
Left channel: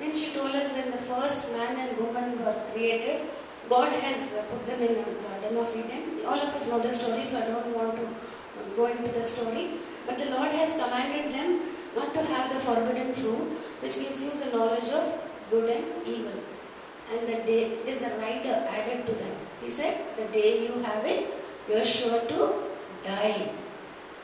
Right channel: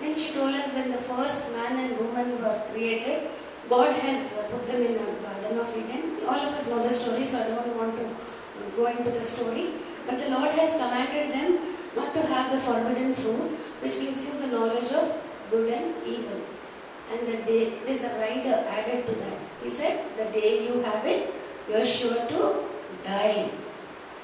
Then she told us when the first man and woman were created, God has put them in the Garden of Eden. All of us know the story, so I don't want to go into the story. But the Lord has commanded them not to have the forbidden fruit, which gives you the knowledge of good and evil. And the day, there's a rider added to that. He said, the day you have it, you are sure to die.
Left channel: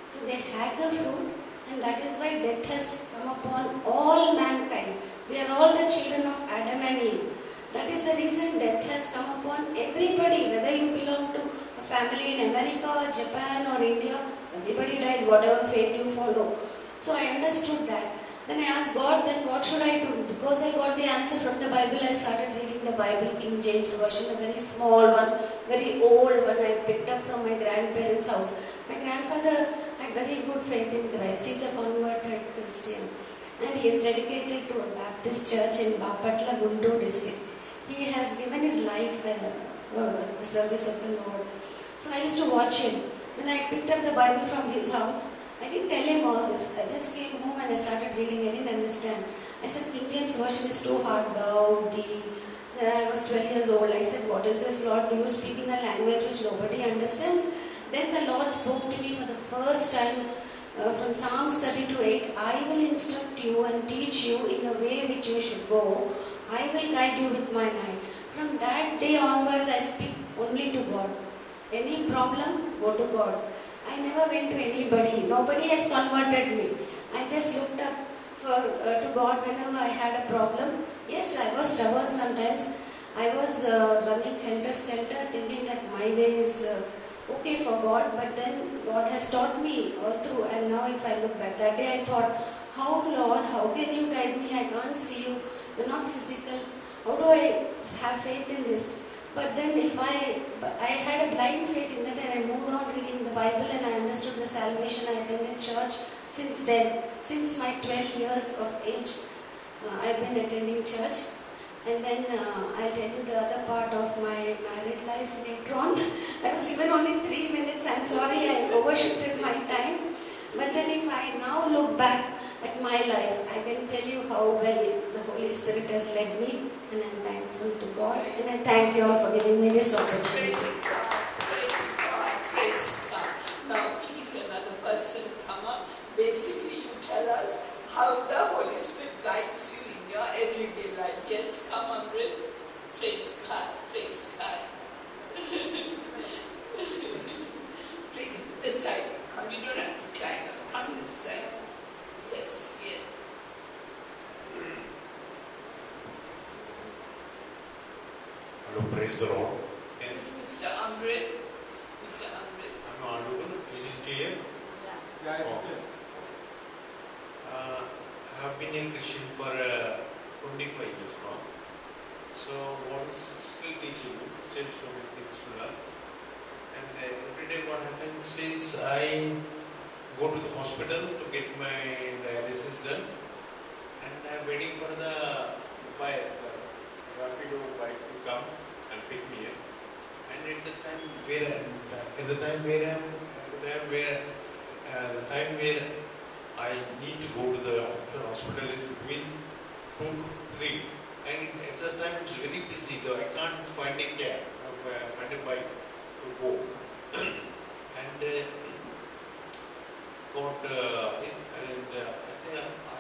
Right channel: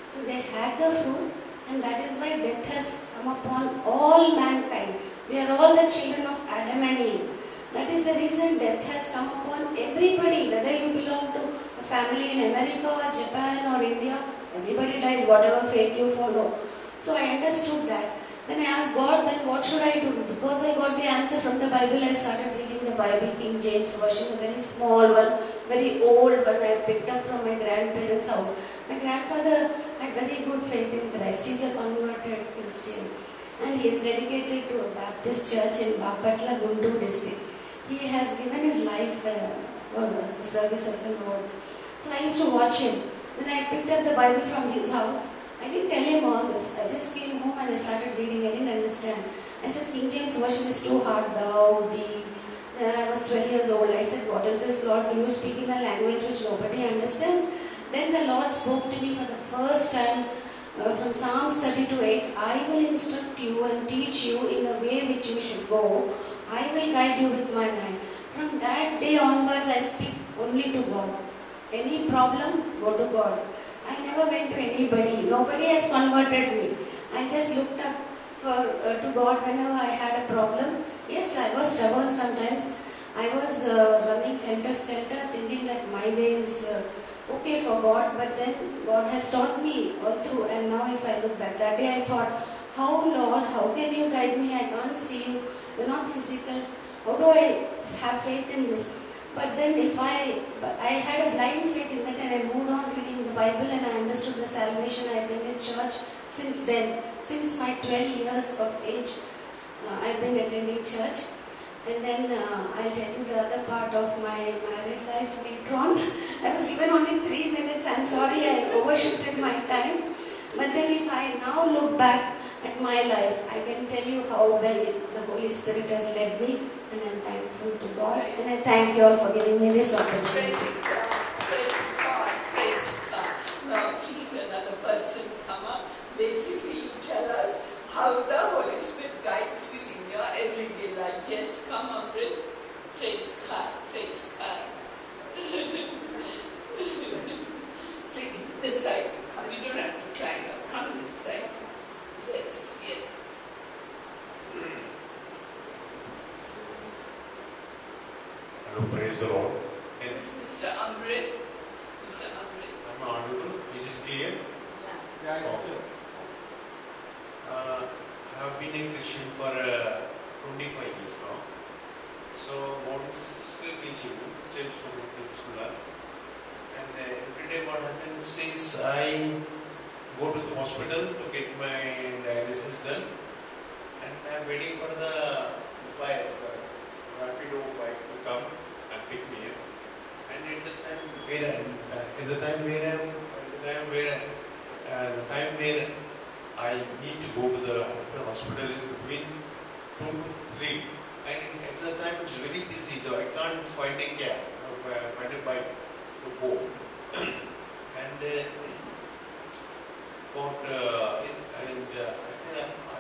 So they had the fruit, and that is why death has come upon all mankind. We are all the children of Adam and Eve. That is the reason death has come upon everybody, whether you belong to a family in America or Japan or India. Everybody dies, whatever faith you follow. So I understood that. Then I asked God, then what should I do? Because I got the answer from the Bible, I started reading the Bible, King James Version, a very small one, very old one I picked up from my grandparents' house. My grandfather had very good faith in Christ. He is a converted Christian. And he is dedicated to a Baptist church in Bapatla, Guntur district. He has given his life for the service of the Lord. So I used to watch him. Then I picked up the Bible from his house. I didn't tell him all this. I just came home and I started reading. I didn't understand. I said, King James Version is too hard. Thou, thee. Then I was 12 years old. I said, what is this, Lord? Do you speak in a language which nobody understands? Then the Lord spoke to me for the first time from Psalms 32:8. I will instruct you and teach you in the way which you should go. I will guide you with mine eye. From that day onwards, I speak only to God. Any problem, go to God. I never went to anybody. Nobody has converted me. I just looked up to God whenever I had a problem. Yes, I was stubborn sometimes. I was running helter-skelter, thinking that my way is okay for God. But then God has taught me all through. And now if I look back, that day I thought, how, Lord, how can you guide me? I can't see you. You're not physical. How do I have faith in this? But then but I had a blind faith in that, and I moved on reading the Bible, and I understood the salvation. I attended church since then. Since my 12 years of age, I've been attending church. And then I'll tell you the other part of my married life later on. I was given only 3 minutes. I'm sorry I overshifted my time. But then if I now look back at my life, I can tell you how well the Holy Spirit has led me. And I'm thankful to God. And I thank you all for giving me this opportunity. Praise God, praise God. Now please another person come up. Basically you tell us how the Holy Spirit guides you in your everyday life. Yes, come on, Brit. Praise God, praise God. Please, this side. Come, you don't have to climb up. Come this side. Yes, yeah. Hello, praise the Lord. This is Mr. Amrit. Mr. Amrit. I'm audible. Is it clear? Yeah, it's good. I have been a Christian for 25 years now. So God is still teaching me, still so many things to learn. And every day what happens is I go to the hospital to get my dialysis done, and I'm waiting for the Rapido bike to come and pick me up. And at the time where I need to go to the hospital is between 2 to 3, and at the time it's very busy, so I can't find a cab or find a bike to go. And I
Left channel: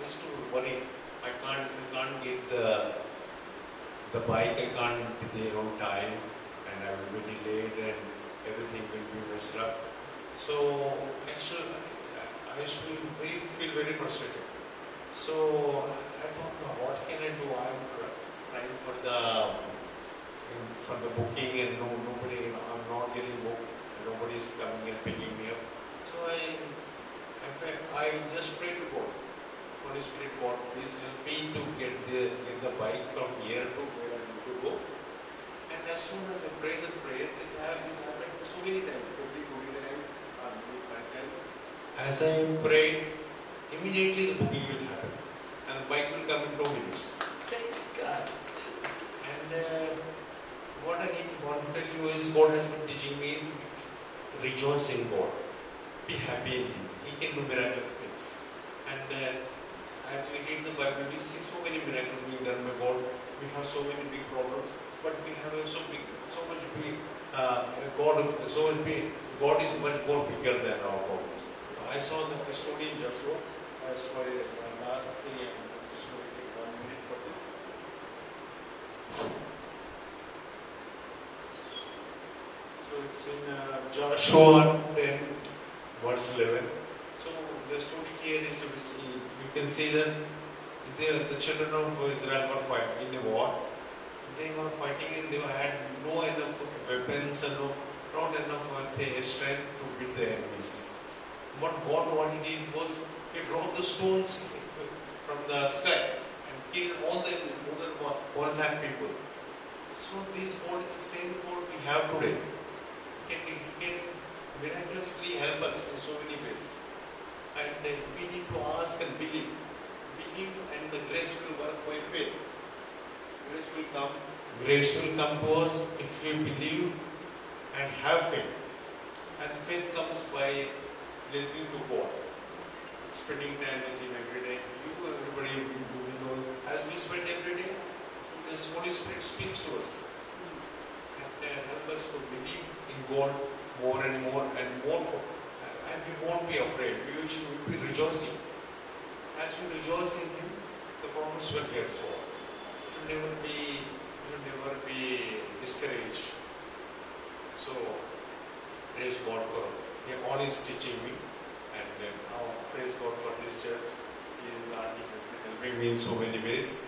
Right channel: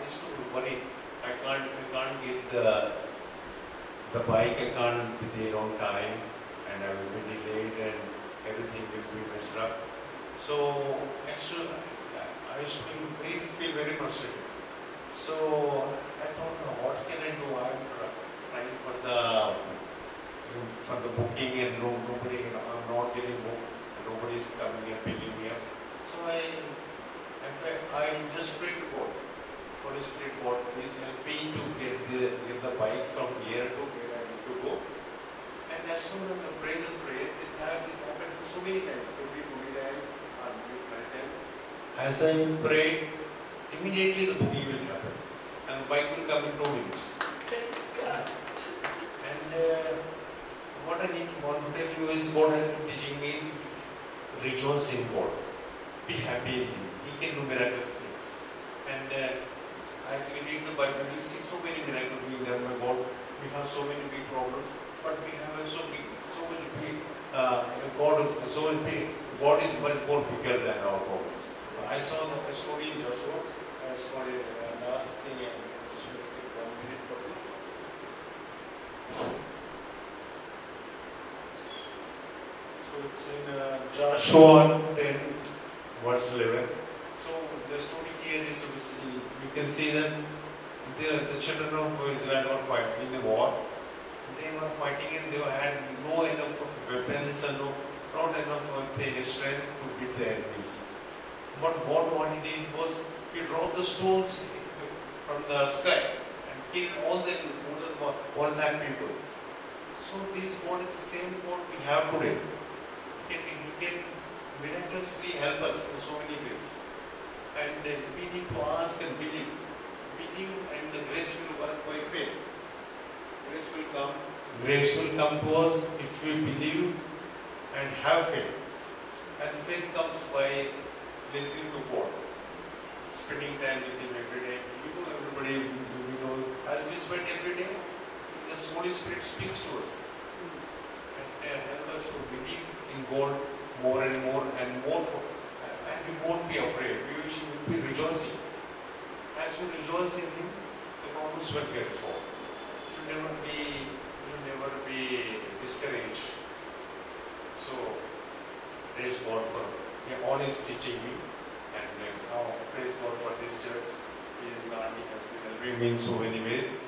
used to worry. I can't get the bike. I can't be there on time, and I will be delayed, and everything will be messed up. So I used to feel very frustrated. So I thought, what can I do? I'm trying for the booking, and nobody. I'm not getting booked. Nobody is coming and picking me up. So I just prayed to God. Holy Spirit, God, please help me to get the bike from here to where I need to go. And as soon as I prayed, this happened so many times. Every 20 times, 20 times. As I prayed, immediately the booking will happen, and the bike will come in 2 minutes. Praise God. And what I want to tell you is, God has been teaching me is rejoice in God, be happy in Him. He can do miraculous things. And as we read the Bible, we see so many miracles being done by God. We have so many big problems, but we have so much big. God is much more bigger than our problems. I saw a story in Joshua. Sorry, last thing, I just want to take 1 minute for this. So it's in Joshua 10, verse 11. So the story here is to see, you can see that the children of Israel were fighting in the war. They were fighting, and they had no enough weapons and not enough strength to beat the enemies. What God wanted did was He dropped the stones from the sky and killed all the more than 1 lakh people. So this God is the same God we have today. He can miraculously help us in so many ways. And we need to ask and believe. Believe, and the grace will work by faith. Grace will come. Grace will come to us if we believe and have faith. And faith comes by listening to God, spending time with Him every day. Everybody, as we spend every day, the Holy Spirit speaks to us and help us to believe in God more and more, and we won't be afraid. We should be rejoicing. As we rejoice in Him, the promise will get solved. We should never be discouraged. So praise God for all He's teaching me, and now praise God for this church. He has been helping me in so many ways,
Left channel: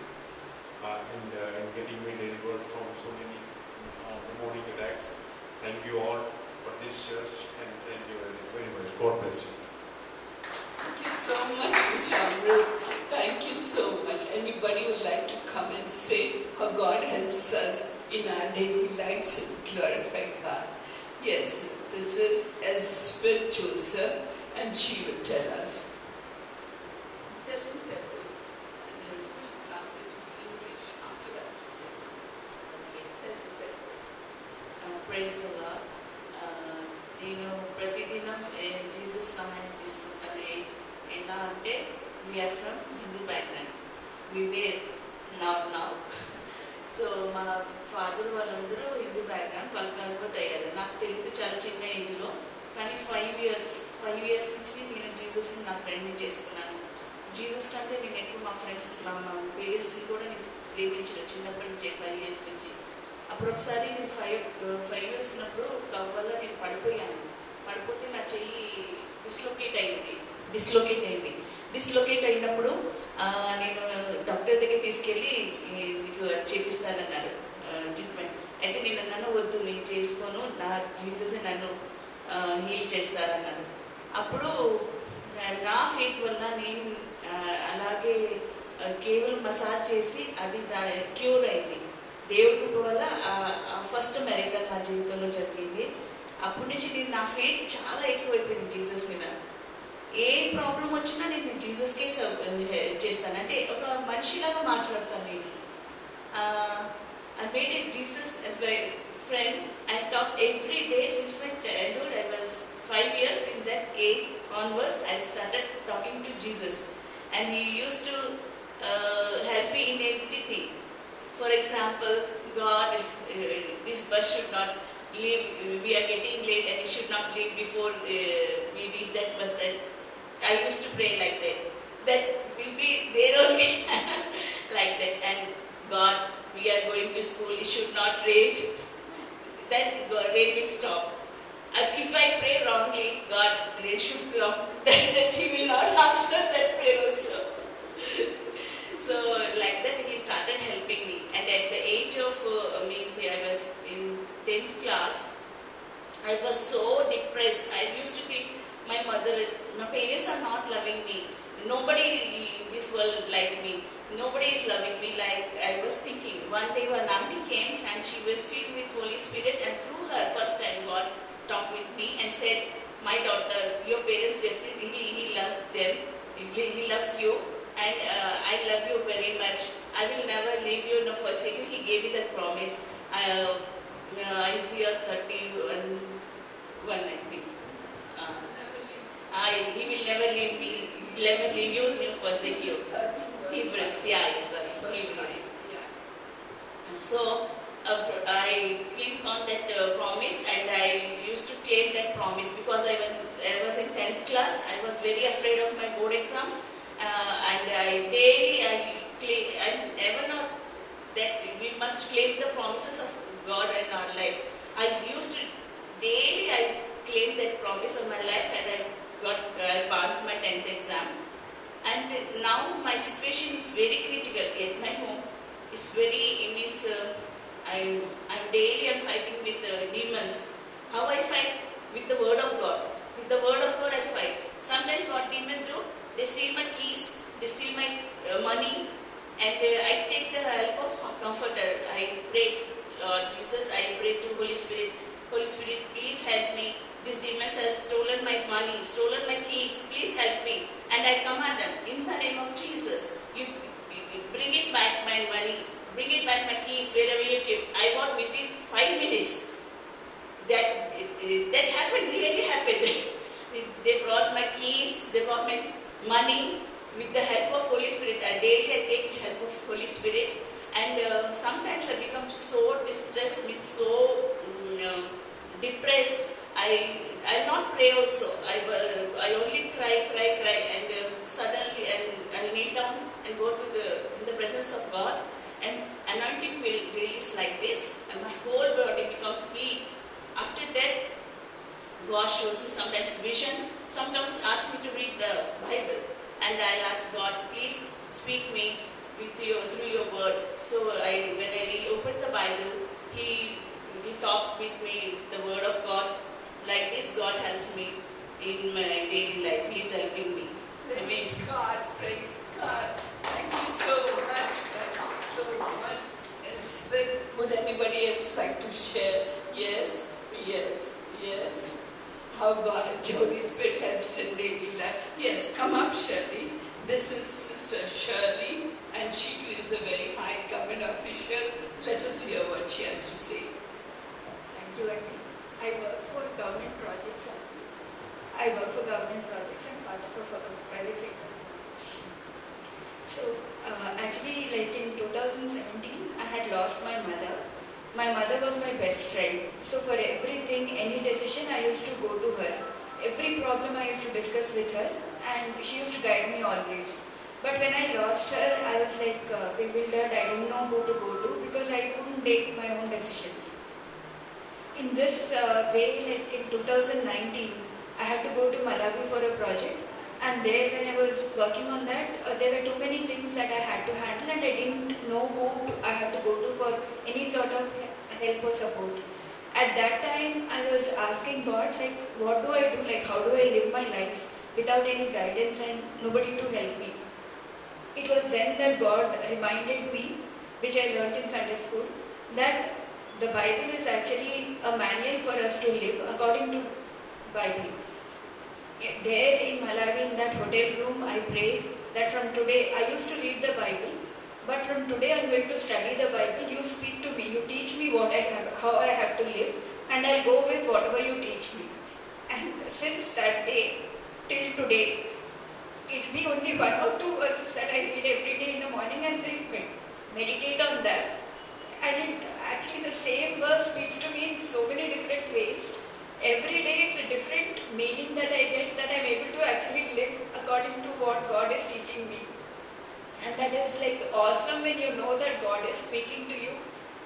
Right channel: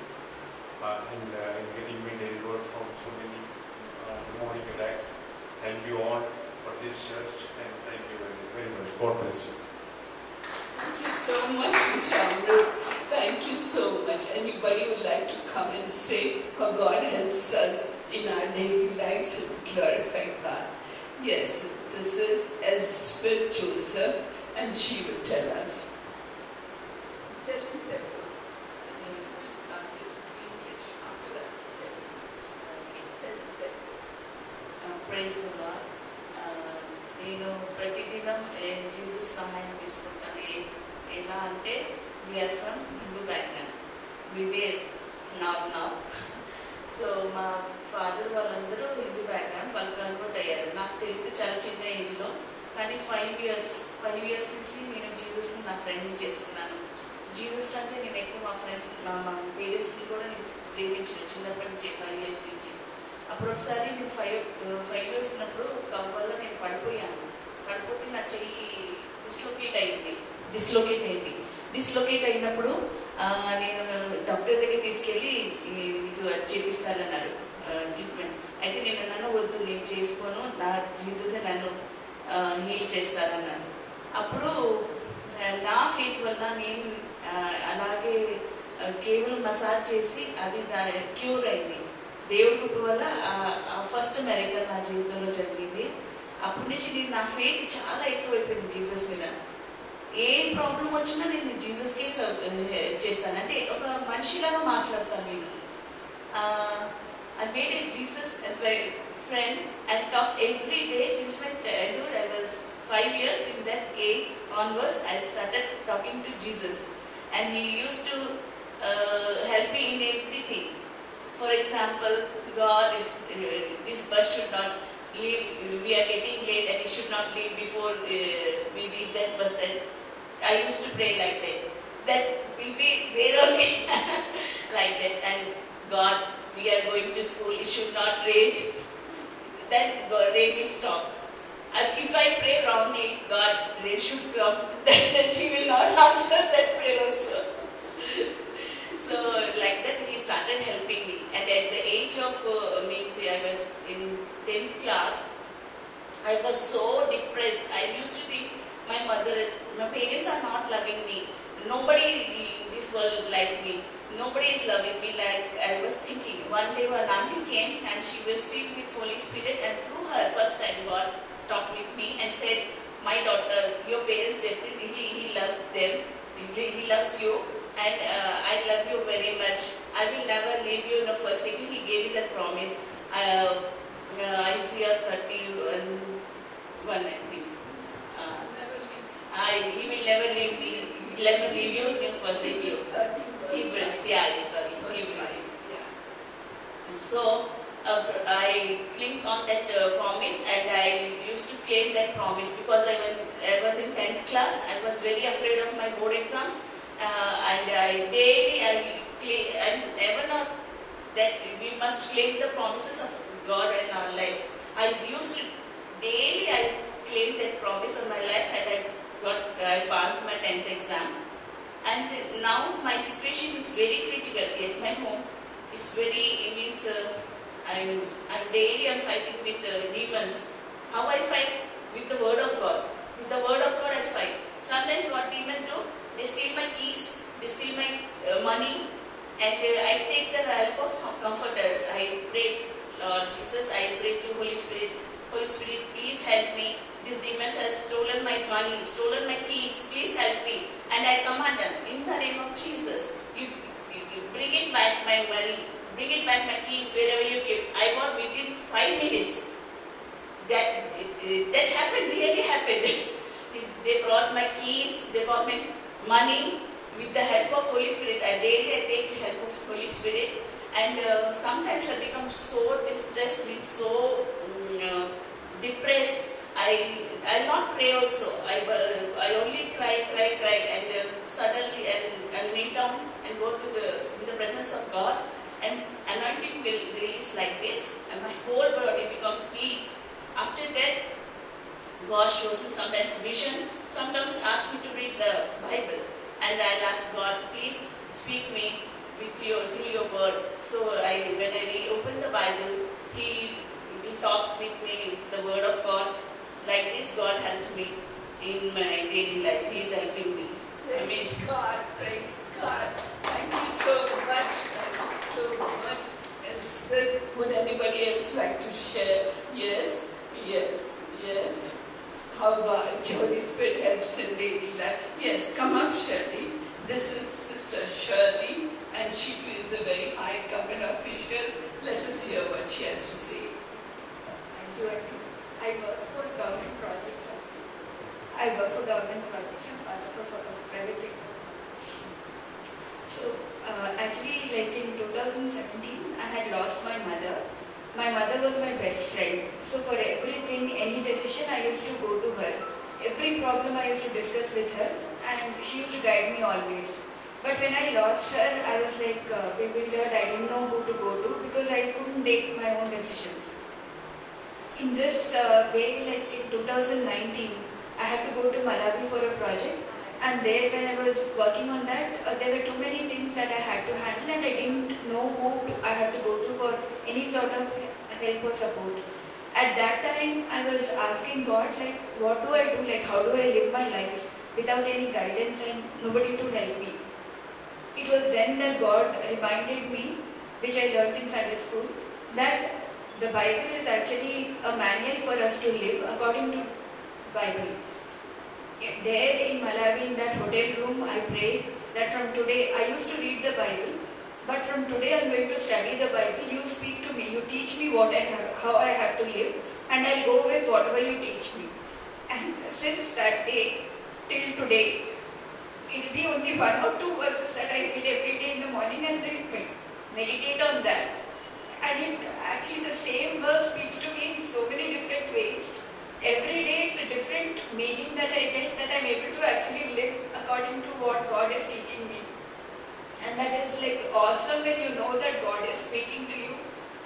and getting me delivered from so many demonic attacks. Thank you all for this church, and thank you very, very much. God bless you. Thank you so much, Mr. Amrit. Thank you so much. Anybody would like to come and say how God helps us in our daily lives and glorify God? Yes, this is Elspeth Joseph, and she will tell us. Tell him. And then he will translate it to English after that. Tell him. Praise the lord. నేను ప్రతిదినం Jesus సహాయం తీసుకుంటాను. ఎలా అంటే we are from Hindu background, we were now. So మా father వాళ్ళందరూ Hindu background, వాళ్ళు convert అయ్యారు. నాకు తెలియదు చాలా చిన్న ఏజ్లో, కానీ 5 years నుంచి నేను జీసస్ని నా ఫ్రెండ్ని చేసుకున్నాను. జీసస్ అంటే నేను ఎక్కువ మా ఫ్రెండ్స్ మా పేరెంట్స్ని కూడా నేను ప్రేమించాను చిన్నప్పటి నుంచి, 5 years నుంచి. అప్పుడు ఒకసారి నేను 5 years ఉన్నప్పుడు కవ్ వల్ల నేను పడిపోతే నా చెయ్యి డిస్లోకేట్ అయినప్పుడు నేను డాక్టర్ దగ్గర తీసుకెళ్ళి మీకు చేపిస్తానన్నారు ట్రీట్మెంట్. అయితే నేను అన్నాను, వద్దు నేను చేసుకోను, నా జీసస్ నన్ను హీల్ చేస్తారన్నాను. అప్పుడు నా ఫెయిత్ వల్ల నేను అలాగే కేవలం మసాజ్ చేసి అది క్యూర్ అయింది. దేవుడి కృప వల్ల ఫస్ట్ మెరికల్ నా జీవితంలో జరిగింది. అప్పటి నుంచి నేను నా ఫెయిత్ చాలా ఎక్కువైపోయింది జీసస్ మీద. ఏ ప్రాబ్లం వచ్చినా నేను జీసస్కే చేస్తాను, అంటే ఒక మనిషిలాగా మాట్లాడతాను నేను. I made it Jesus as my friend. I talk every day since my childhood. I was 5 years. In that age onwards, I started talking to Jesus, and he used to help me in everything. For example, God, this bus should not leave. We are getting late, and it should not leave before we reach that bus. And I used to pray like that. That will be there only, like that. And God, we are going to school. It should not rain. Then rain will stop. If I pray wrongly, God, rain should come. Then He will not answer that prayer also. So like that, He started helping me. And at the age of I was in 10th class, I was so depressed. I used to think my parents are not loving me. Nobody in this world like me. Nobody is loving me. Like I was thinking. One day one auntie came and she was filled with Holy Spirit, and through her first time God talked with me and said, "My daughter, your parents definitely He loves them. He loves you, and I love you very much. I will never leave you nor forsake you." He gave me that promise. Isaiah 31:1, I think. He will never leave me, never leave you, nor forsake you. Hebrews, Hebrews. So I clicked on that promise, and I used to claim that promise because I was in 10th class. I was very afraid of my board exams, and I never know that we must claim the promises of God in our life. I used to daily claim that promise on my life, and I passed my 10th exam. And now my situation is very critical at my home. It's very, I'm daily fighting with demons. How I fight? With the word of God. With the word of God I fight. Sometimes what demons do? They steal my keys, they steal my money, and I take the help of comforter. I pray, Lord Jesus, I pray to Holy Spirit. Holy Spirit, please help me. These demons have stolen my money, stolen my keys. Please help me. And I command them, in the name of Jesus, you bring it back my money, bring it back my keys, wherever you keep. I want within 5 minutes. That happened, really happened. They brought my keys, they brought my money with the help of Holy Spirit. I daily take the help of Holy Spirit. And sometimes I become so distressed, so depressed. I'll not pray also. I only cry, and suddenly I'll kneel down and go to in the presence of God, and anointing will release like this, and my whole body becomes heat. After that, God shows me sometimes vision, sometimes asks me to read the Bible, and I'll ask God, please speak me through your word. So when I open the Bible, He will talk with me the word of God. Like this, God helps me in my daily life. He is helping me. Praise God, praise God. Thank you so much. Thank you so much. Elspeth, would anybody else like to share? Yes, yes, yes. How God, Holy Spirit helps in daily life. Yes, come up, Shirley. This is Sister Shirley, and she too is a very high government official. Let us hear what she has to say. Thank you, Auntie. I work for government projects. I work for government projects and part of a private sector. So, actually, like in 2017, I had lost my mother. My mother was my best friend. So for everything, any decision, I used to go to her. Every problem I used to discuss with her, and she used to guide me always. But when I lost her, I was like bewildered. I didn't know who to go to because I couldn't take my own decisions. In this way, like in 2019, I had to go to Malawi for a project. And there, when I was working on that, there were too many things that I had to handle, and I didn't know who I had to go to for any sort of help or support. At that time, I was asking God, like, what do I do? Like, how do I live my life without any guidance and nobody to help me? It was then that God reminded me, which I learned in Sunday school, that the Bible is actually a manual for us to live according to Bible. There in Malawi, in that hotel room, I prayed that from today, I used to read the Bible, but from today I'm going to study the Bible. You speak to me, you teach me what I have, how I have to live, and I'll go with whatever you teach me. And since that day till today, it'll be only 1 or 2 verses that I read every day in the morning and meditate on that. And actually the same verse speaks to me in so many different ways. Every day it's a different meaning that I get, that I'm able to actually live according to what God is teaching me. And that is like awesome when you know that God is speaking to you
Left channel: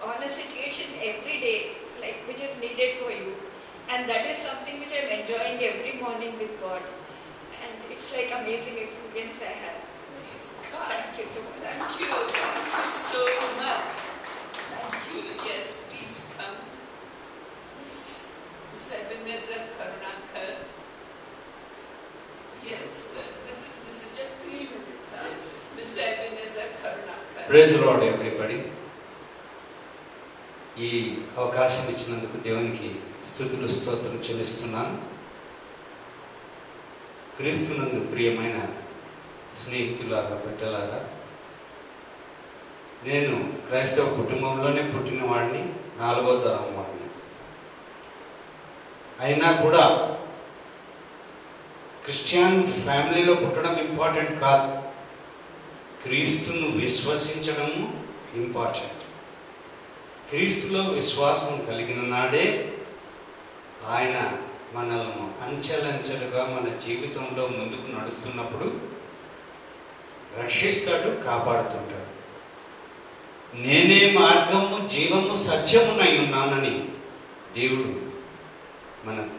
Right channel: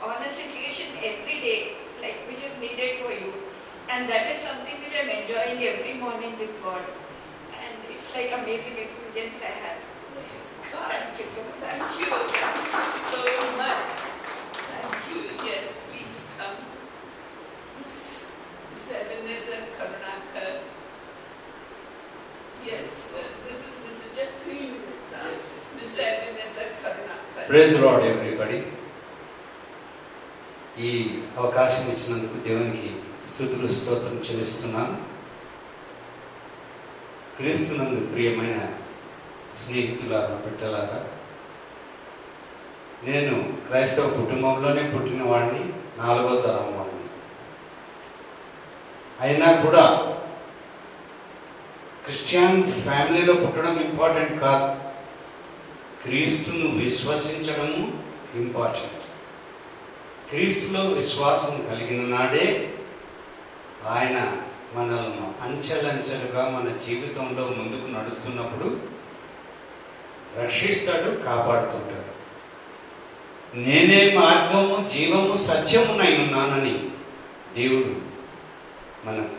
on a situation every day, like which is needed for you. And that is something which I'm enjoying every morning with God. And it's like amazing experience I have. Praise God. Thank you so much. Thank you. Thank you so much. Thank you. Yes, please come. Miss Ebenezer Karunakar. Yes, this is just 3 minutes. Yes, yes. Miss Ebenezer Karunakar. Praise lord everybody. ఈ అవకాశం ఇచ్చినందుకు దేవునికి స్తుతులు స్తోత్రం చెల్లిస్తున్నాను. క్రీస్తునందు ప్రియమైన స్నేహితులారా, బిడ్డలారా, నేను క్రైస్తవ కుటుంబంలోనే పుట్టిన వాడిని, 4వ తరం వాడిని. అయినా కూడా క్రిస్టియన్ ఫ్యామిలీలో పుట్టడం ఇంపార్టెంట్ కాదు, క్రీస్తును విశ్వసించడము ఇంపార్టెంట్. క్రీస్తులో విశ్వాసం కలిగిన నాడే ఆయన మనల్ని అంచెలంచెలుగా మన జీవితంలో ముందుకు నడుస్తున్నప్పుడు రక్షిస్తాడు, కాపాడుతుంటాడు. నేనే మార్గము, జీవము, సత్యమునై ఉన్నానని దేవుడు మనకు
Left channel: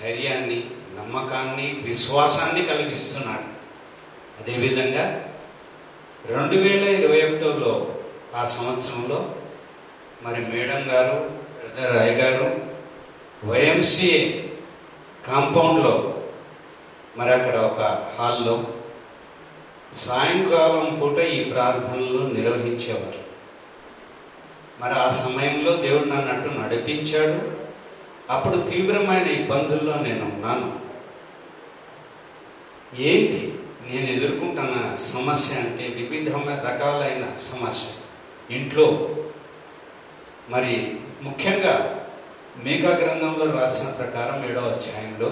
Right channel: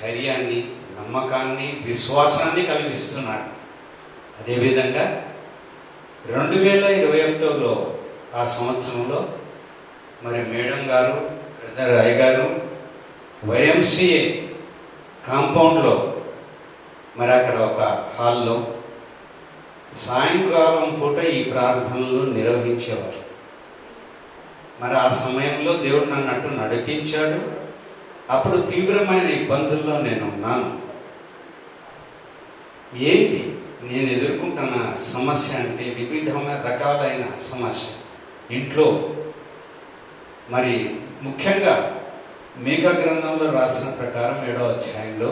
ధైర్యాన్ని, నమ్మకాన్ని, విశ్వాసాన్ని కలిగిస్తున్నాడు. అదేవిధంగా 2021లో ఆ సంవత్సరంలో మరి మేడం గారు, బ్రదర్ రాయ్ గారు YMCA కాంపౌండ్లో మరి అక్కడ ఒక హాల్లో సాయంకాలం పూట ఈ ప్రార్థనలు నిర్వహించేవారు. మరి ఆ సమయంలో దేవుడు నన్ను అటు నడిపించాడు. అప్పుడు తీవ్రమైన ఇబ్బందుల్లో నేను ఉన్నాను. ఏంటి నేను ఎదుర్కొంటున్న సమస్య అంటే వివిధమైన రకాలైన సమస్య. ఇంట్లో మరి ముఖ్యంగా మీకా గ్రంథంలో రాసిన ప్రకారం 7వ అధ్యాయంలో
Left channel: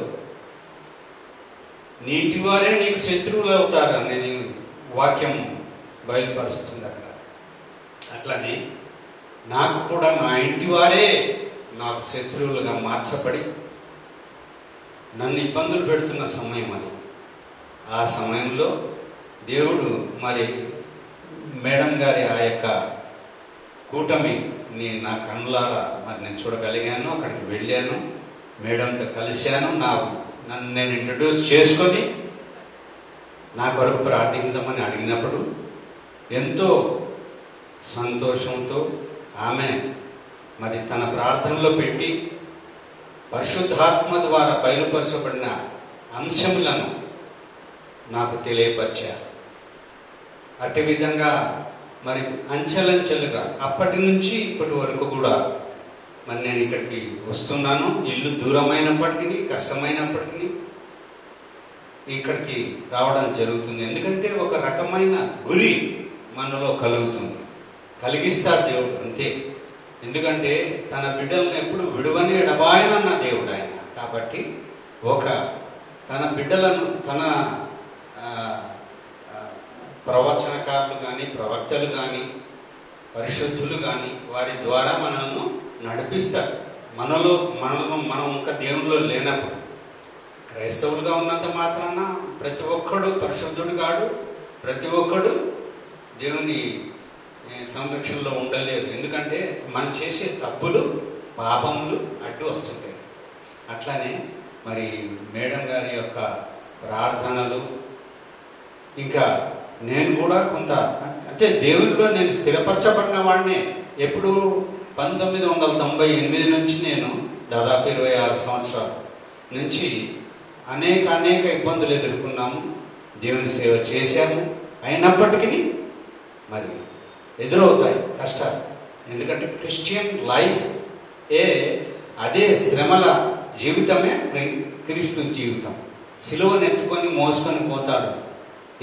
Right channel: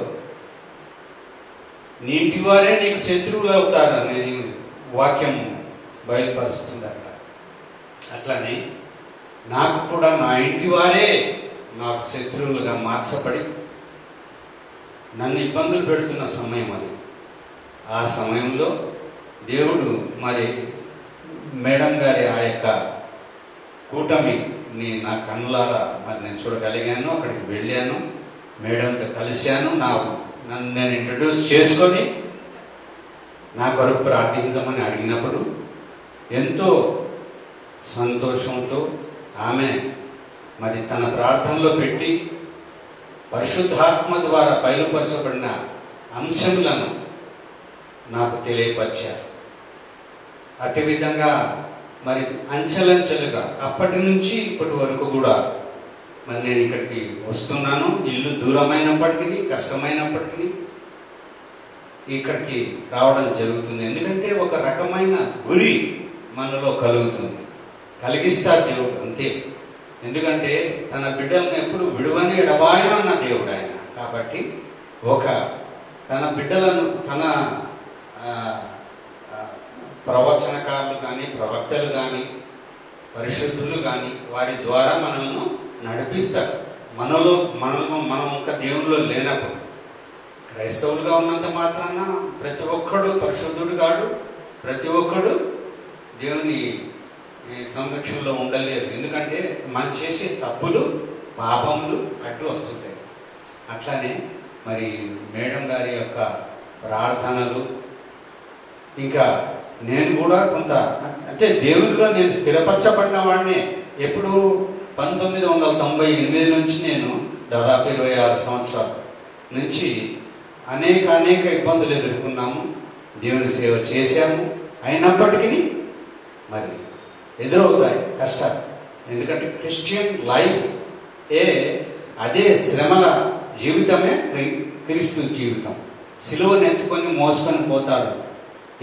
నీ ఇంటి వారే నీకు శత్రువులు అవుతారు అనేది వాక్యం బయలుపరుస్తుందట. అట్లనే నాకు కూడా నా ఇంటి వారే నాకు శత్రువులుగా మార్చబడి నన్ను ఇబ్బందులు పెడుతున్న సమయం అది. ఆ సమయంలో దేవుడు మరి మేడం గారి ఆ యొక్క కూటమిని నా కన్నులారా మరి నేను చూడగలిగాను. అక్కడికి వెళ్ళాను, మేడంతో కలిశాను, నన్ను నేను ఇంట్రడ్యూస్ చేసుకొని నా కొరకు ప్రార్థించమని అడిగినప్పుడు ఎంతో సంతోషంతో ఆమె మరి తన ప్రార్థనలో పెట్టి పరిశుద్ధాత్మ ద్వారా బయలుపరచబడిన అంశములను నాకు తెలియపరిచారు. అటు విధంగా మరి అంచెలంచెలుగా అప్పటి నుంచి ఇప్పటి వరకు కూడా మరి నేను ఇక్కడికి వస్తున్నాను. ఇల్లు దూరమైనప్పటికీ, కష్టమైనప్పటికీ ఇక్కడికి రావడం జరుగుతుంది. ఎందుకంటే ఒక రకమైన గురి మనలో కలుగుతుంది, కలిగిస్తాడు దేవుడు అంతే. ఎందుకంటే తన బిడ్డలను ఎప్పుడు విడువని ఎడబాయనన్న దేవుడు ఆయన. కాబట్టి తన బిడ్డలను తన ప్రవచనకారులు కానీ, ప్రవక్తలు కానీ, పరిశుద్ధులు కానీ వారి ద్వారా మనల్ని నడిపిస్తాడు. మనం ఇంకా దేవునిలో లేనప్పుడు క్రైస్తవులుగా ఉన్నంత మాత్రాన ప్రతి ఒక్కడు పరిశుద్ధుడు కాడు, ప్రతి ఒక్కడు దేవుని సంరక్షణలో ఉండలేరు. ఎందుకంటే మనం చేసే తప్పులు, పాపములు అడ్డు వస్తుంటాయి. అట్లానే మరి మేడం గారి యొక్క ప్రార్థనలు, ఇంకా నేను కూడా కొంత అంటే దేవుడిలో నేను స్థిరపరచబడిన వాడినే. ఎప్పుడు 1998 నుంచి నేను దాదాపు 26 సంవత్సరాల నుంచి అనేక ఇబ్బందులు ఎదుర్కొన్నాము, దేవుని సేవ చేశాము. అయినప్పటికీ మరి ఎదురవుతాయి కష్టాలు. ఎందుకంటే క్రిస్టియన్ లైఫ్ అదే శ్రమల జీవితమే క్రీస్తు జీవితం. సిలువను ఎత్తుకొని మోసుకొని పోతాడు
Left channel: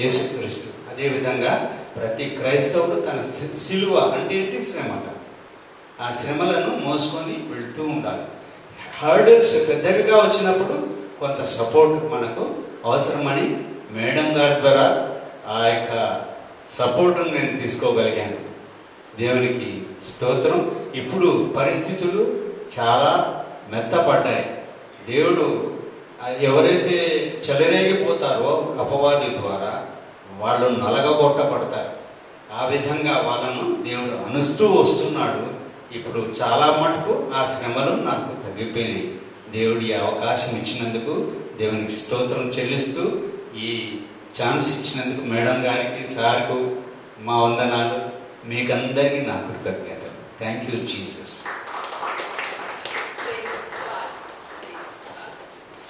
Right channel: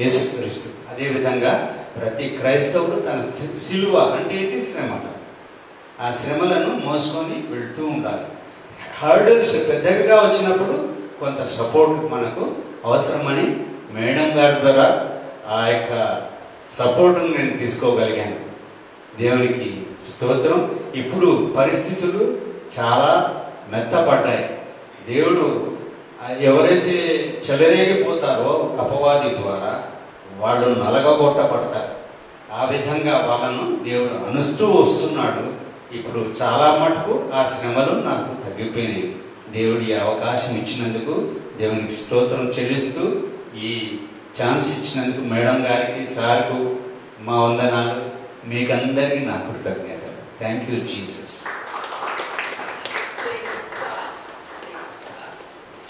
యేసుక్రీస్తు. అదేవిధంగా ప్రతి క్రైస్తవుడు తన సిలువ అంటే ఏంటి? శ్రమలు. ఆ శ్రమలను మోసుకొని వెళ్తూ ఉండాలి. హర్డల్స్ పెద్దవిగా వచ్చినప్పుడు కొంత సపోర్ట్ మనకు అవసరమని మేడం గారి ద్వారా ఆ యొక్క సపోర్టును నేను తీసుకోగలిగాను. దేవునికి స్తోత్రం. ఇప్పుడు పరిస్థితులు చాలా మెత్తపడ్డాయి. దేవుడు ఎవరైతే చెలరేగిపోతారో అపవాది ద్వారా వాళ్ళు నలగగొట్టబడతారు. ఆ విధంగా వాళ్ళను దేవుడు అనుస్తూ వస్తున్నాడు. ఇప్పుడు చాలా మటుకు ఆ శ్రమలు నాకు తగ్గిపోయినాయి. దేవుడి అవకాశం ఇచ్చినందుకు దేవునికి స్తోత్రం చెల్లిస్తూ, ఈ ఛాన్స్ ఇచ్చినందుకు మేడం గారికి, సార్కు మా వందనాలు. మీకందరికీ నా కృతజ్ఞతలు. Thank you Jesus.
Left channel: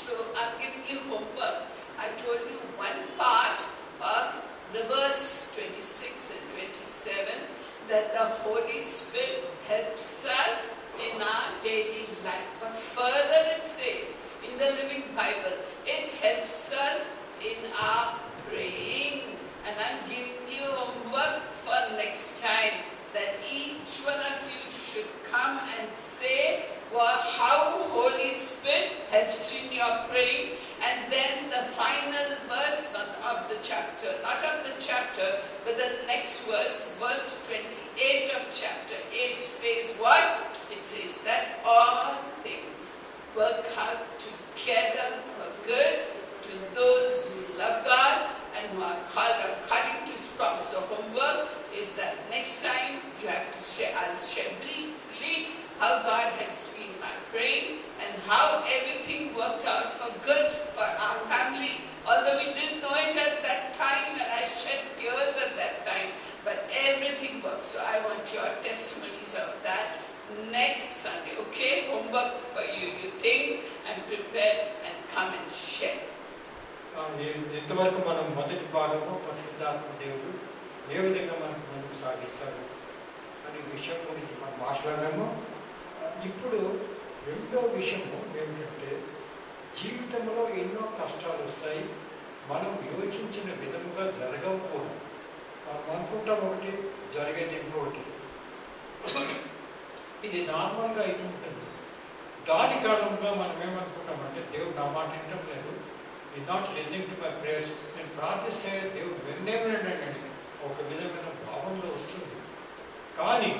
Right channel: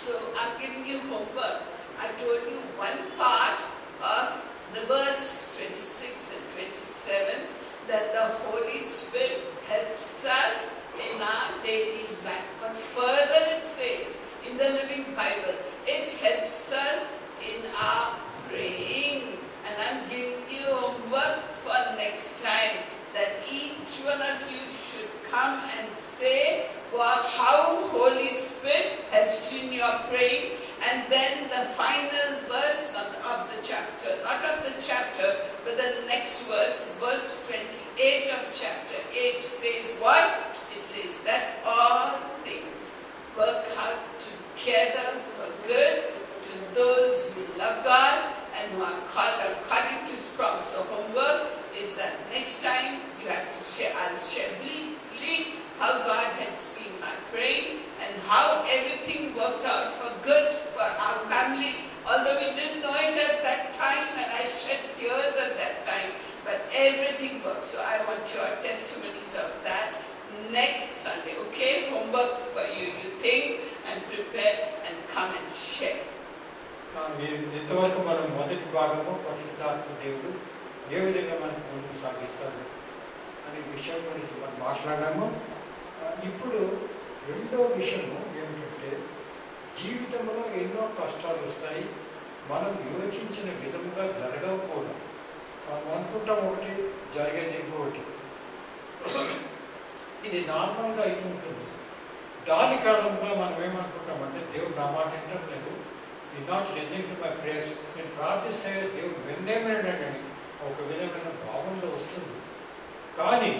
So I'm giving you homework. I told you one part of the verse 26 and 27 that the Holy Spirit helps us in our daily life. But further it says in the Living Bible, it helps us in our praying. And I'm giving you homework for next time, that each one of you should come and say how Holy Spirit helps you in your praying. And then the final verse, not of the chapter, but the next verse, verse 28 of chapter 8 says what? It says that all things work out together for good to those who love God and who are called according to His promise. So homework is that next time you have to share. I'll share briefly how God helps me in my praying and how everything worked out for good for our family. Although we didn't know it at that time and I shed tears at that time, but everything worked. So I want your testimonies of that next Sunday. Okay? Homework for you. You think and prepare and come and share. ఇంతవరకు మనం మొదటి భాగము పరిశుద్ధాత్మ దేవుడు ఏ విధంగా మనకు ముందుకు సాగిస్తాడు అనే విషయం గురించి మనం మాట్లాడాము. ఇప్పుడు రెండో విషయము ఏమిటంటే, జీవితంలో ఎన్నో కష్టాలు వస్తాయి. మనం యోచించిన విధంగా జరగకపోవడం. మనం అనుకుంటాం ఒకటి, జరిగేది ఇంకొకటి. ఇది నార్మల్గా అయితే ఉంటుంది. దాని కారణంగా మనం ఏమనుకుంటామంటే, దేవుడు నా మాట వినడం లేదు, ఈ not listening to my prayers. నేను ప్రార్థిస్తే దేవుడు వినేమని ఒక విధమైన భావంలో వస్తుంది. కానీ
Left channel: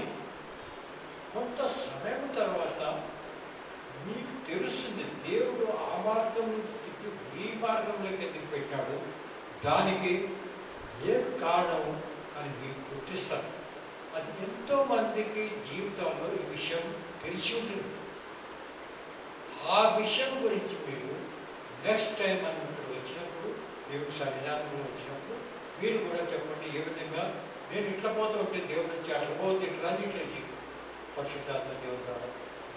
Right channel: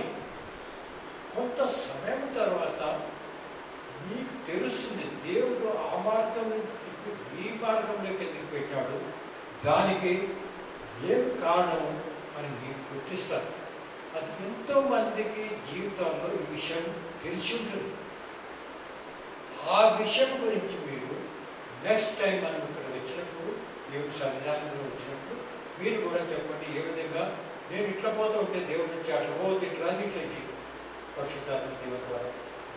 కొంత సమయం తర్వాత మీకు తెలుస్తుంది, దేవుడు ఆ మార్గం నుంచి తిప్పి ఈ మార్గంలోకి ఎందుకు పెట్టాడు, దానికి ఏం కారణం అని మీకు గుర్తిస్తారు. అది ఎంతో మందికి జీవితంలో ఈ విషయం తెలిసి ఉంటుంది. ఆ విషయం గురించి మీరు నెక్స్ట్ టైం మనం ఇక్కడ వచ్చినప్పుడు, దేవుడి సన్నిధానంలో వచ్చినప్పుడు మీరు కూడా చెప్పండి, ఏ విధంగా నేను ఇట్లా పోతూ ఉంటే దేవుడు వచ్చి అట్లా పోతే ఇట్లా అని ఇట్లా పరిశుద్ధాత్మ దేవుడు ద్వారా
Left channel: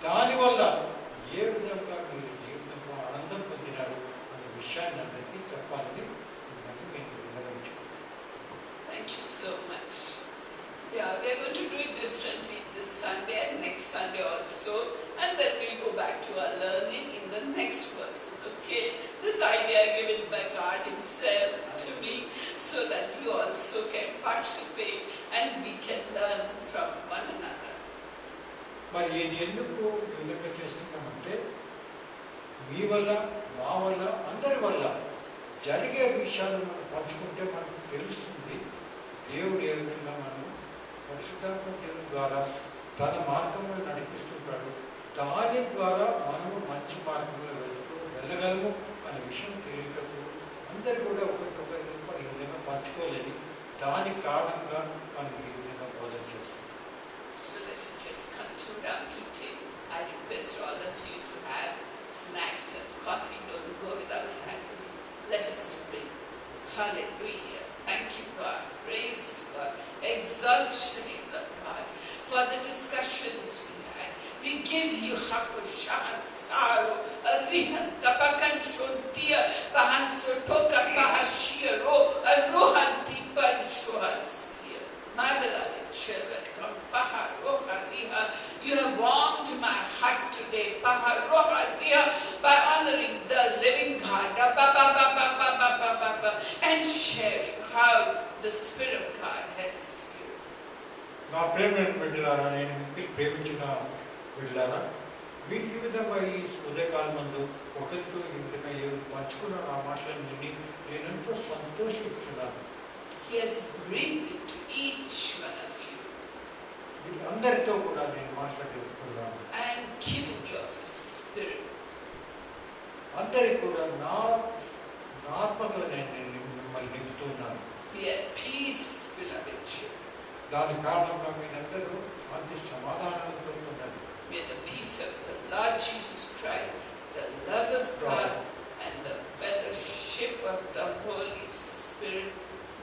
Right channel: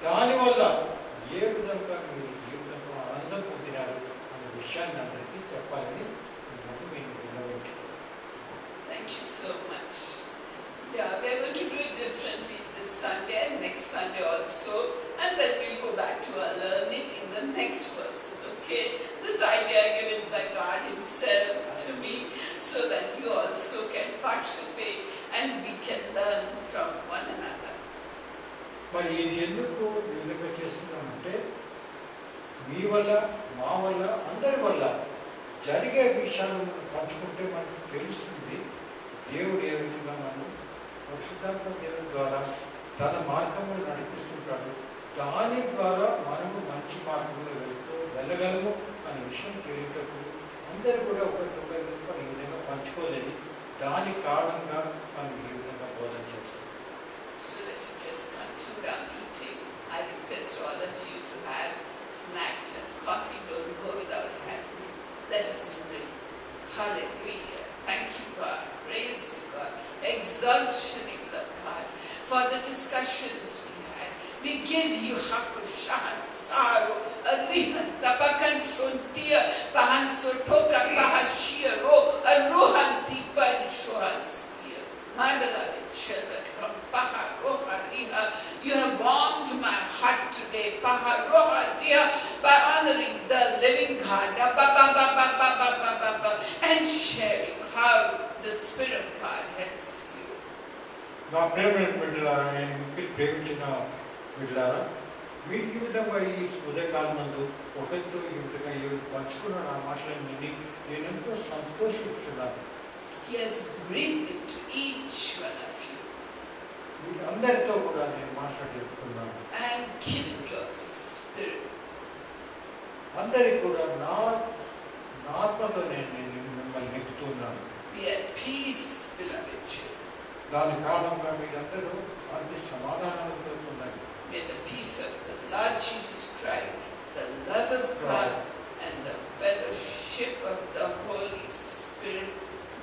దానివల్ల ఏ విధంగా మీరు జీవితంలో ఆనందం పొందినారు అనే విషయాన్ని అందరికీ చెప్పాలని మిమ్మల్ని నేను విన్నవించుకుంటున్నాను. Thank you so much. Yeah, we are going to do it differently this Sunday and next Sunday also. And then we'll go back to our learning in the next person. Okay? This idea given by God Himself to me so that you also can participate and we can learn from one another. మరి ఇది ఎందుకు ఈ విధంగా చేస్తున్నామంటే మీ వల్ల, మా వల్ల, అందరి వల్ల జరిగే విషయాలు మనం పంచుకుంటే మనకు తెలుస్తుంది దేవుడు ఏ విధంగా మనం పరిశుద్ధాత్మ దేవుని ద్వారా తన మార్గంలో నడిపిస్తుంటాడు. దాని ద్వారా మనము మంచి మార్గంలో వెళ్ళగలము అనే విషయం తెలియటప్పుడు అందరూ కూడా ఒకరికొకరు ఈ విధంగా పంచుకోలేని దాని కారణంగా మనం ఈ విధంగా బోధన చేస్తాం. So let's just conclude our meeting. I request all of you to have snacks and coffee. Don't go without having. Let us pray. Hallelujah. Thank you, God. Praise you, God. Exalt your name, Lord God, for the discussions we had. We give you Hakushan, Saru, Arihan, Tapakan, Shontia, Bahan Sotoka, Bahashiro, Arohan, Tipa, Shohan, Sia. My beloved children, come, Paharoha, Riha. You have warmed my heart today, Paharoha, Riha, by honoring the living God, and sharing how the Spirit of God helps you. నా ప్రేమైన బిడ్డలారా, నేను మిక్కిలి ప్రేమించిన బిడ్డలారా, మీ జీవితంగా ఈ ఉదయకాలం నందు ఒకరితో ఈ విధంగా ఎవరు పంచుకున్న నా మాటలను విని నేను ఎంతో సంతోషించున్నాను. He has breathed into each one of you వీళ్ళందరితో కూడా నేను మాట్లాడుతున్నాను. and given you of His Spirit. అందరికి కూడా నా ఆత్మతో నేను మిమ్మల్ని నింపుతున్నాను. Be at peace, beloved children. దాని కారణంగా మీరందరూ శాంతి సమాధానాలతో ఉండండి. May the peace of the Lord Jesus Christ, the love of God, and the fellowship of the Holy Spirit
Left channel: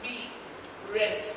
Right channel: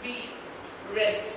be, rest,